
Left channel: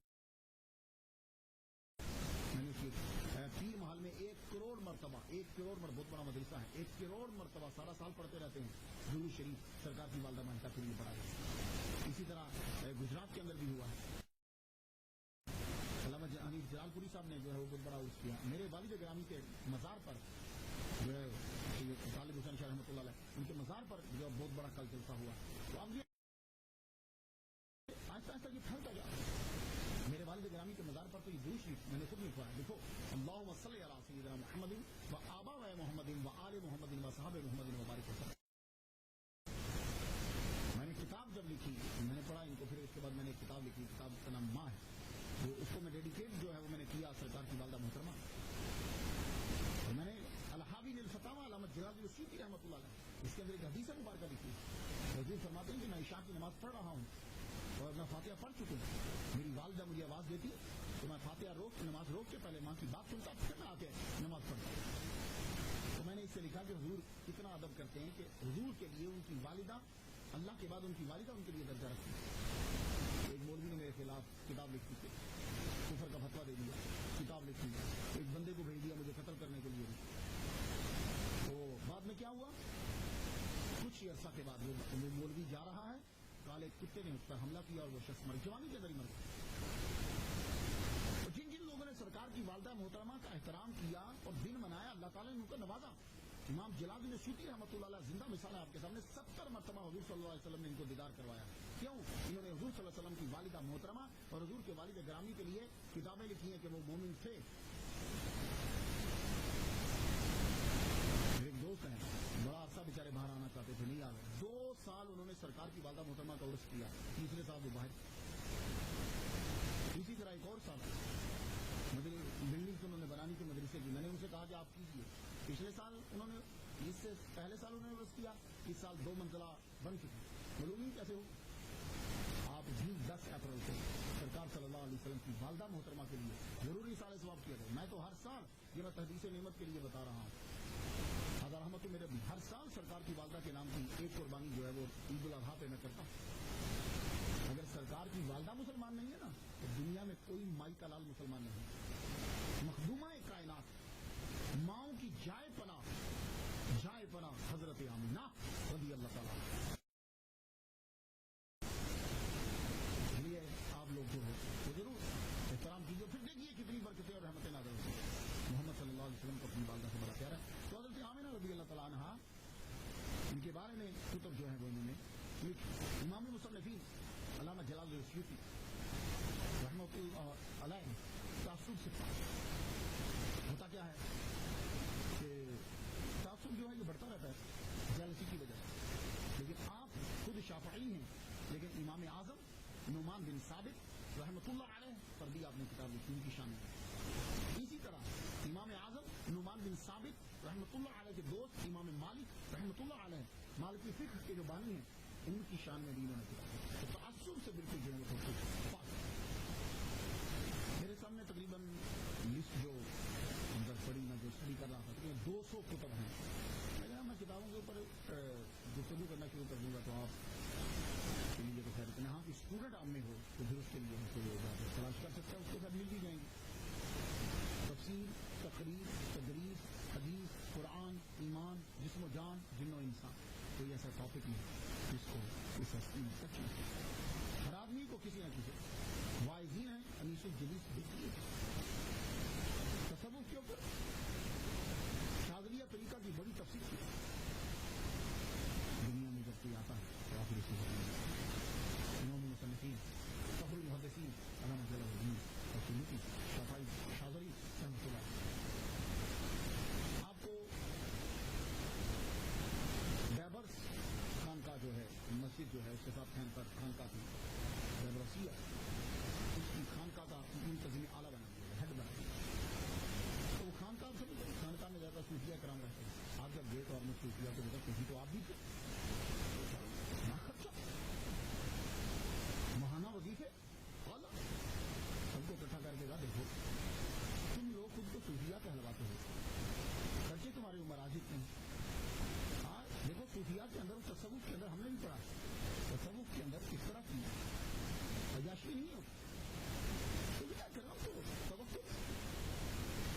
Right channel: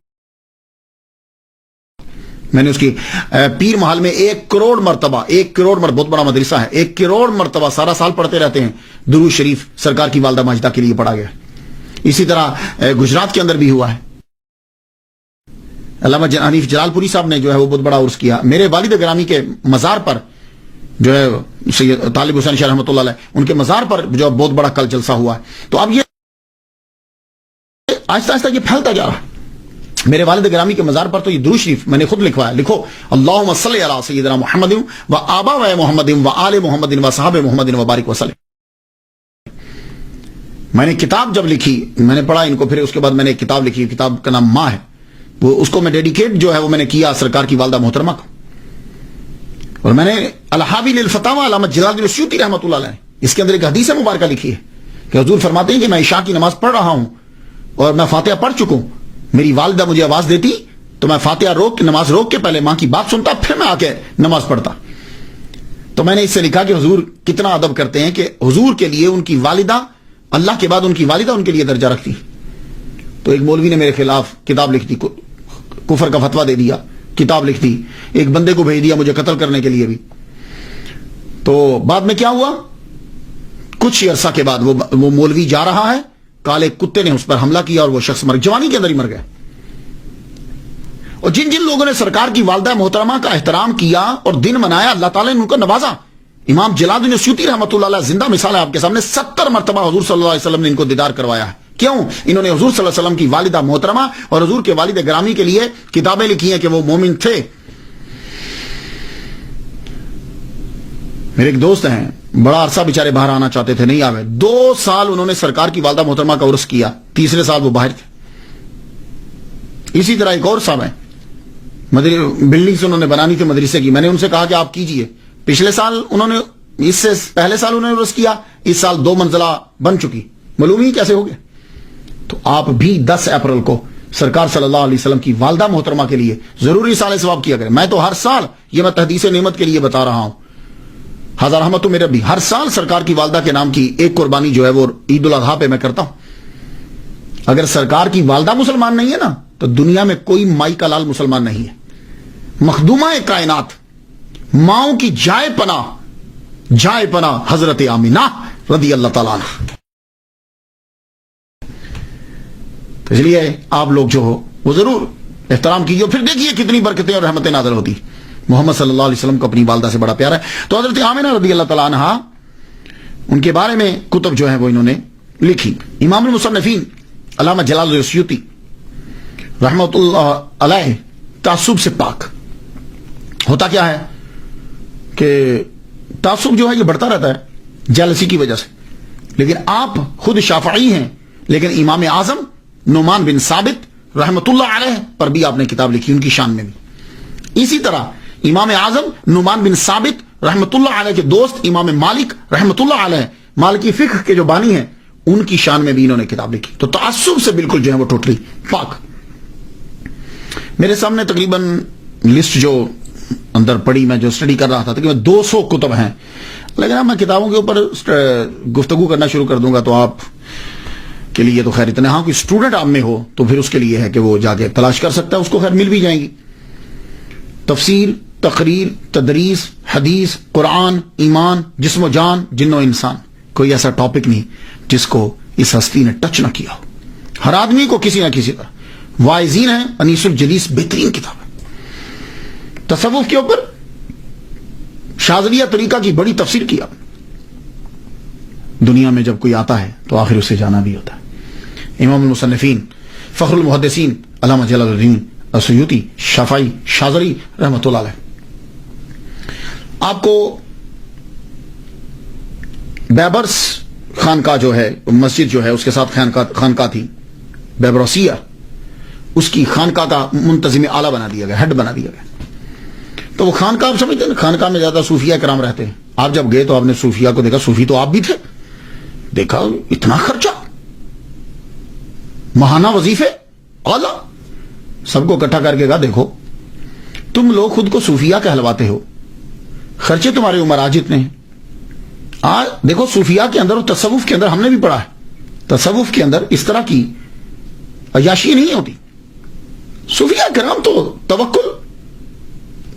میں نے اس کی پیر محل میں 1 کروڑ مرتبہ, 1 کروڑ مرتبہ, بہت بڑا مدرسہ ہے, 1 کروڑ مرتبہ سارا سال پڑھتے رہتے ہیں. درود شریف سرکار کی والدہ ماجدہ کے لیے پڑھا گیا. اسی طرح گجرات کے اندر بھی ہوا ہے. علامہ حنیف جلال پوری صاحب نے جو ہے وہ بہت بڑا عرس کیا. میرے والد گرامی کے مزار پر جو ہے سید طالب حسین شاہ رحمۃ اللہ علیہ, ان کے مزار پر جو بہت بڑا کل جلسہ ہوا ہے. تو اب یہ آہستہ آہستہ یہ پھیلتا جا رہا ہے. میرے والد گرامی کے مزار پر تو یہ درود شریف میں نے خود لکھوایا. لکھو اللہم صلی علی سیدنا محمد و آبا و محمد و آل محمد و صحاب محمد و بارک وسلم. میں نے کتاب جب لکھی, میں نے پڑھا ان کو, پھر اس کے بعد میں نے کتاب لکھی, کتاب کا نام ماں ہے. وہ اس کو میں ڈیڈیکیٹ جو ہے وہ میں نے کیا سرکار کی والدہ محترمہ کو. اور میں نے الحاوی للفتاوی علامہ جلال الدین السیوطی رحمۃ اللہ علیہ, اس کے اندر ایک حدیث مبارکہ لکھی ہے کہ حضور فرماتے ہیں کہ میں عشاء کی نماز پڑھ رہا ہوں اور میں فاتحہ پڑھ چکا ہوں. میری والدہ مجھے آواز دیتی تو میں فاتحہ روک کے, نماز روک کے پہلے ماں کی بات سنتا, پھر میں آ کے نماز پڑھتا. تو میں نے اس سے لکھا کہ حضور کتنا ادب کرتے ہیں کہ حضور کے لیے ان کی والدہ, اللہ کے بعد ان کی والدہ ان کے لیے درجہ رکھتی. تو ایک مولوی نے میرے خلاف کتاب لکھ دی, کفر کا فتویٰ دے دیا, کتاب لکھ دی, ایک بندے کو بھیج دیا مجھے قتل کرنے کے لیے بھی. تو بعد میں کیا ہوا کچھ عرصہ کے بعد وہ مولوی جا رہا ہے، کالے کتے نے اس پر حملہ کیا اور وہ شخص جوانی کے اندر ہی مر گیا. اور جن جن لوگوں نے سرکار کی والدہ محترمہ کا احترام کیا اور دن منایا، اللہ تعالیٰ نے ان کو نوازا. امام جلال الدین سیوطی رحمۃ اللہ علیہ زندہ مثال ہے آپ کے سامنے. 70 مرتبہ حضور صلی اللہ علیہ وسلم نے ان کو دیدار کروایا ہے. کیوں؟ انہوں نے حضور صلی اللہ علیہ وسلم کی والدہ محترمہ اور حضور کے والد گرامی کے لیے کتابیں لکھی ہیں کہ وہ مومن تھے. میرے ایک دوست ہیں، بڑا عرصہ بیچارے باہر آنا چاہتے تھے، نہیں آوے. 2 سال انہوں نے سرکار کی والدہ محترمہ کا عرس کیا، تیسرے سال وہ باہر تھے. اسی طرح ایک اور صاحب ہیں، بلڈنگ سے انہوں نے بنانی تھی مدرسے کی. میں نے ان سے کہا کہ آپ کیجئے. پچھلے سال انہوں نے، اس سے پہلے سال انہوں نے عرس کیا، اس سال 2 منزلہ بن چکی. معلوم ہی کیسے ہو گیا. تو آپ بھی 10 اپریل کو سرکار صلی اللہ علیہ وسلم کی والدہ محترمہ کے لیے ضروری سال ثواب کیا کریں. میں تو ہر سال، یہ میں تحدیث نعمت کے لیے بتا رہا ہوں، ہزار رحمت میرے بھی، ہر سال سرکار کی والدہ کے نام کی ایک قربانی جو ہے وہ عید الاضحیٰ پہ میں کرتا ہوں. اگر سرکار کی والدہ مسلمان نہیں ہے نا، تو دنیا میں کوئی مائی کا لال مسلمان نہیں ہے. مخدومہ کائنات، ماؤں کی جائے پناہ حضرت آمینہ رضی اللہ تعالیٰ عنہ. تو اس لیے آپ لوگ جو ہو وہ ضرور احترام کیجیے. پھر دیکھیے کتنی برکتیں اور رحمتیں نازل ہوتی. محمد صلی اللہ علیہ وسلم کو اپنی والدہ سے بڑا پیارا ہے. تو حضرت آمینہ رضی اللہ تعالیٰ عنہ، ان کے بارے میں کتب جو ہیں وہ انہوں نے لکھی. امام المصنفین علامہ جلال الدین سیوطی رحمۃ اللہ علیہ تعصب سے پاک. ہوتا کیا ہے کہ تعصب جو ہے یہ بڑھتا رہتا ہے جیلسی کی وجہ سے. لیکن آپ خود شافعی ہیں، لیکن امام اعظم نعمان بن ثابت رحمۃ اللہ علیہ پر بھی آپ نے کتاب لکھی، ان کی شان میں بھی. اسی طرح امام اعظم نعمان بن ثابت رحمۃ اللہ علیہ کے دوست امام مالک رحمۃ اللہ علیہ، مالکی فقہ کے جو بانی ہیں، ان کی شان میں بھی انہوں نے کتاب لکھی. تو تعصب سے بالکل جو ہے وہ ٹوٹلی پاک. میرے سامنے تقریباً لسٹ جو اندر پڑی، میں جو اسٹڈی کر رہا تھا، تقریباً 200 کتب ہیں. لیکن اب میں کتابوں کے اوپر گفتگو کرنا شروع کر دوں گا تو آپ کے لیے تو خیر اتنے، ہاں کوئی اسٹوڈنٹ آپ میں ہو تو پھر اس کے لیے ہے کہ وہ جا کے تلاش کر سکتا ہے، اس کو خیر مل بھی جائیں گی. تفسیر، تقریر، تدریس، حدیث، قرآن، ایمان، جسم و جان، جن و انسان، کوئی ایسا ٹاپک نہیں جس کو اس ہستی نے ٹچ نہ کیا ہو. ہر آدمی کو کسی نہ کسی طرح. واعظین ہیں، انیس الجلیس بہترین کتاب ہے. تصوف کے اوپر شاذلیہ طریقہ کی بڑی تفسیر کیا. دنیا میں جب کوئی آتا ہے تو آخر اسے جانا بھی ہوتا ہے. امام المصنفین فخر المحدثین علامہ جلال الدین سیوطی شافعی شاذلی رحمۃ اللہ علیہ. آپ کو بیبرس خانقاہ جو ہے، مسجد جو ہے اس کے ساتھ خانقاہ تھی بیبروسیہ، اس کی خانقاہ کا منتظم اعلیٰ بنا دیا گیا، ہیڈ بنا دیا گیا. تو وہ خانقاہ آپ سمجھتے ہیں، خانقاہ میں زیادہ صوفیہ کرام رہتے ہیں. آپ جب گئے تو آپ نے صوفیہ کو دیکھا، صوفی تو آپ بھی تھے، دیکھا اتنا خرچہ، ماہانہ وظیفے اعلیٰ، سب کو اکٹھا کر کے کہا دیکھو تم لوگ خود کو صوفیہ کہلواتے ہو، خرچے تمہارے عمراجت نے. آج دیکھو صوفیہ کے اندر اور تصوف کے اندر ہم نے بھی پڑھا ہے، تصوف کے اندر اس طرح کی عیاشی نہیں ہوتی. صوفیہ کرام تو توکل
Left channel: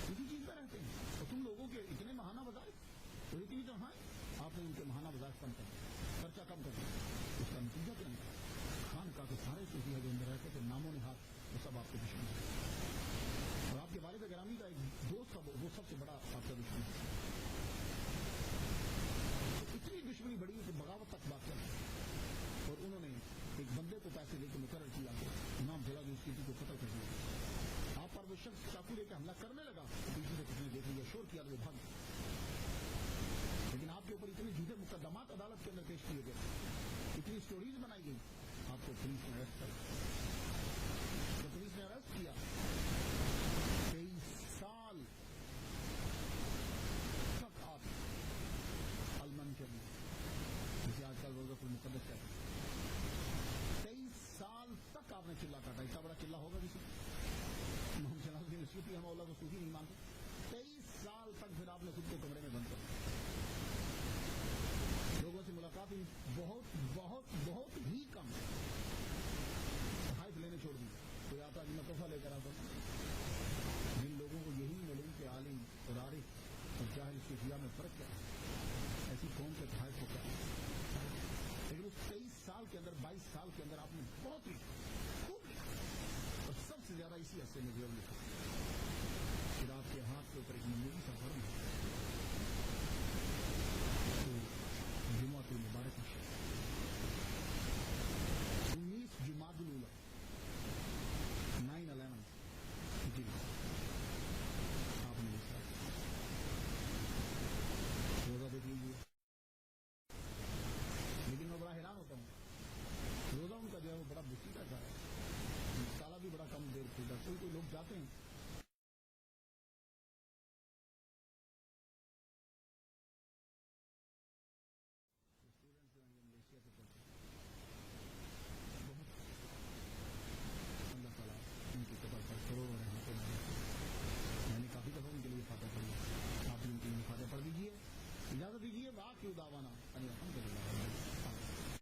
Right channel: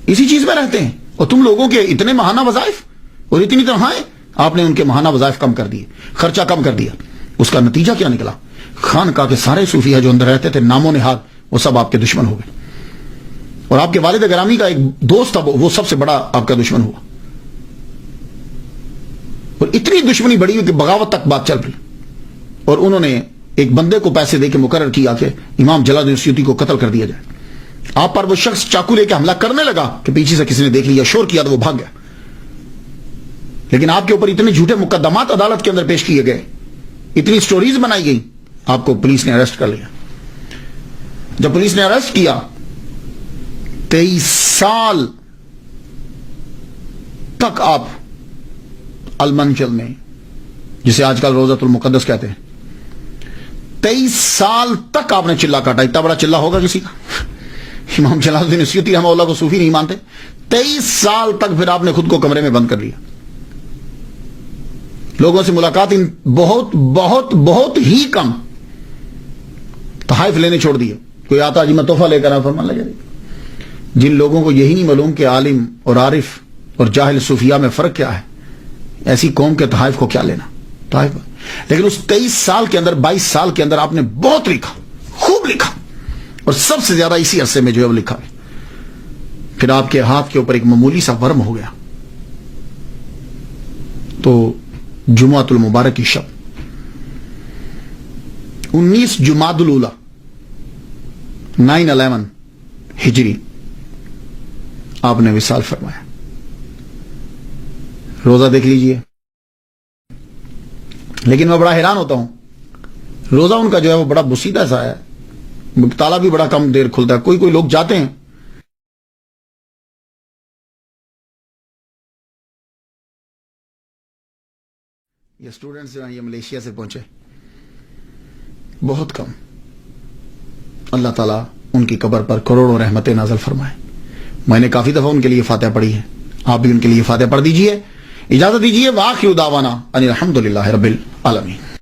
اسی چیز میں رہتے ہیں، اور تم لوگوں کے اتنے ماہانہ وظائف اور اتنی تنخواہیں، آپ نے ان کے ماہانہ وظائف کم کر دیے، خرچہ کم کر دیا. اس کا نتیجہ کیا نکلا؟ خانقاہ کے سارے صوفیہ جو اندر رہتے تھے نام و نہاد وہ سب آپ کے دشمن ہو گئے، اور آپ کے والد گرامی کا ایک دوست تھا وہ سب سے بڑا آپ کا دشمن ہوا، اور اتنی دشمنی بڑی ہوئی کہ بغاوت تک بات چل رہی. اور انہوں نے ایک بندے کو پیسے دے کے مقرر کیا کہ امام جلال الدین سیوطی کو قتل کر دیا جائے. آپ پر وہ شخص چاقو لے کے حملہ کرنے لگا کہ پیچھے سے کسی نے دیکھ لیا، شور کیا تو وہ بھاگ گیا. لیکن آپ کے اوپر اتنے جھوٹے مقدمات عدالت کے اندر پیش کیے گئے، اتنی سٹوریز بنائی گئی، آپ کو پولیس نے اریسٹ کر لیا. جب پولیس نے اریسٹ کیا 23 سال تک آپ المنچل میں، جسے آج کل روزۃ المقدس کہتے ہیں، 23 سال تک آپ نے چلا کاٹا. اتنا بڑا چلا ہوگا کسی کا؟ امام جلال الدین سیوطی رحمہ اللہ کو صوفی نہیں مانتے. 23 سال تک پھر آپ نے خود کو کمرے میں بند کر لیا. لوگوں سے ملاقات بہت بہت بہت ہی کم، تحائف لینے چھوڑ دیے. کوئی آتا جی میں تحفہ لے کر آیا، فرمان لگا. جن لوگوں کو یہی نہیں معلوم کہ عالم اور عارف اور جاہل صوفیہ میں فرق کیا ہے، ایسی قوم کے تحائف کو کیا لینا. طائف لیکن اس 23 سال کے اندر 22 سال کے اندر آپ نے بہت لکھا، خوب لکھا، اور سب سے زیادہ اسی عرصے میں جو ہے وہ لکھا ہے. پھر آپ کے ہاتھ کے اوپر ایک معمولی سا ورم ہو گیا تو جمعۃ المبارک کی شب 19 جمادی الاولیٰ 9/11 ہجری آپ نے وصال فرمایا. روزہ دیکھ لیجئے. لیکن میں بڑا حیران ہوتا ہوں، روزہ ان کا جو ہے وہ بڑا بسیدہ سا ہے، تالا بھی بڑا کم دیر کھلتا ہے. کوئی لوگ جاتے ہیں یہ اسٹوڈنٹس جو ہیں یہ ملیشیا سے پہنچے، بہت کم. اللہ تعالیٰ ان کی قبر پر کروڑوں رحمتیں نازل فرمائے. میں نے کافی دفعہ ان کے لیے فاتحہ پڑھی ہے، آپ بھی ان کے لیے فاتحہ پڑھ دیجئے. اجازت دیجئے، وآخر دعوانا ان الحمدللہ رب العالمین.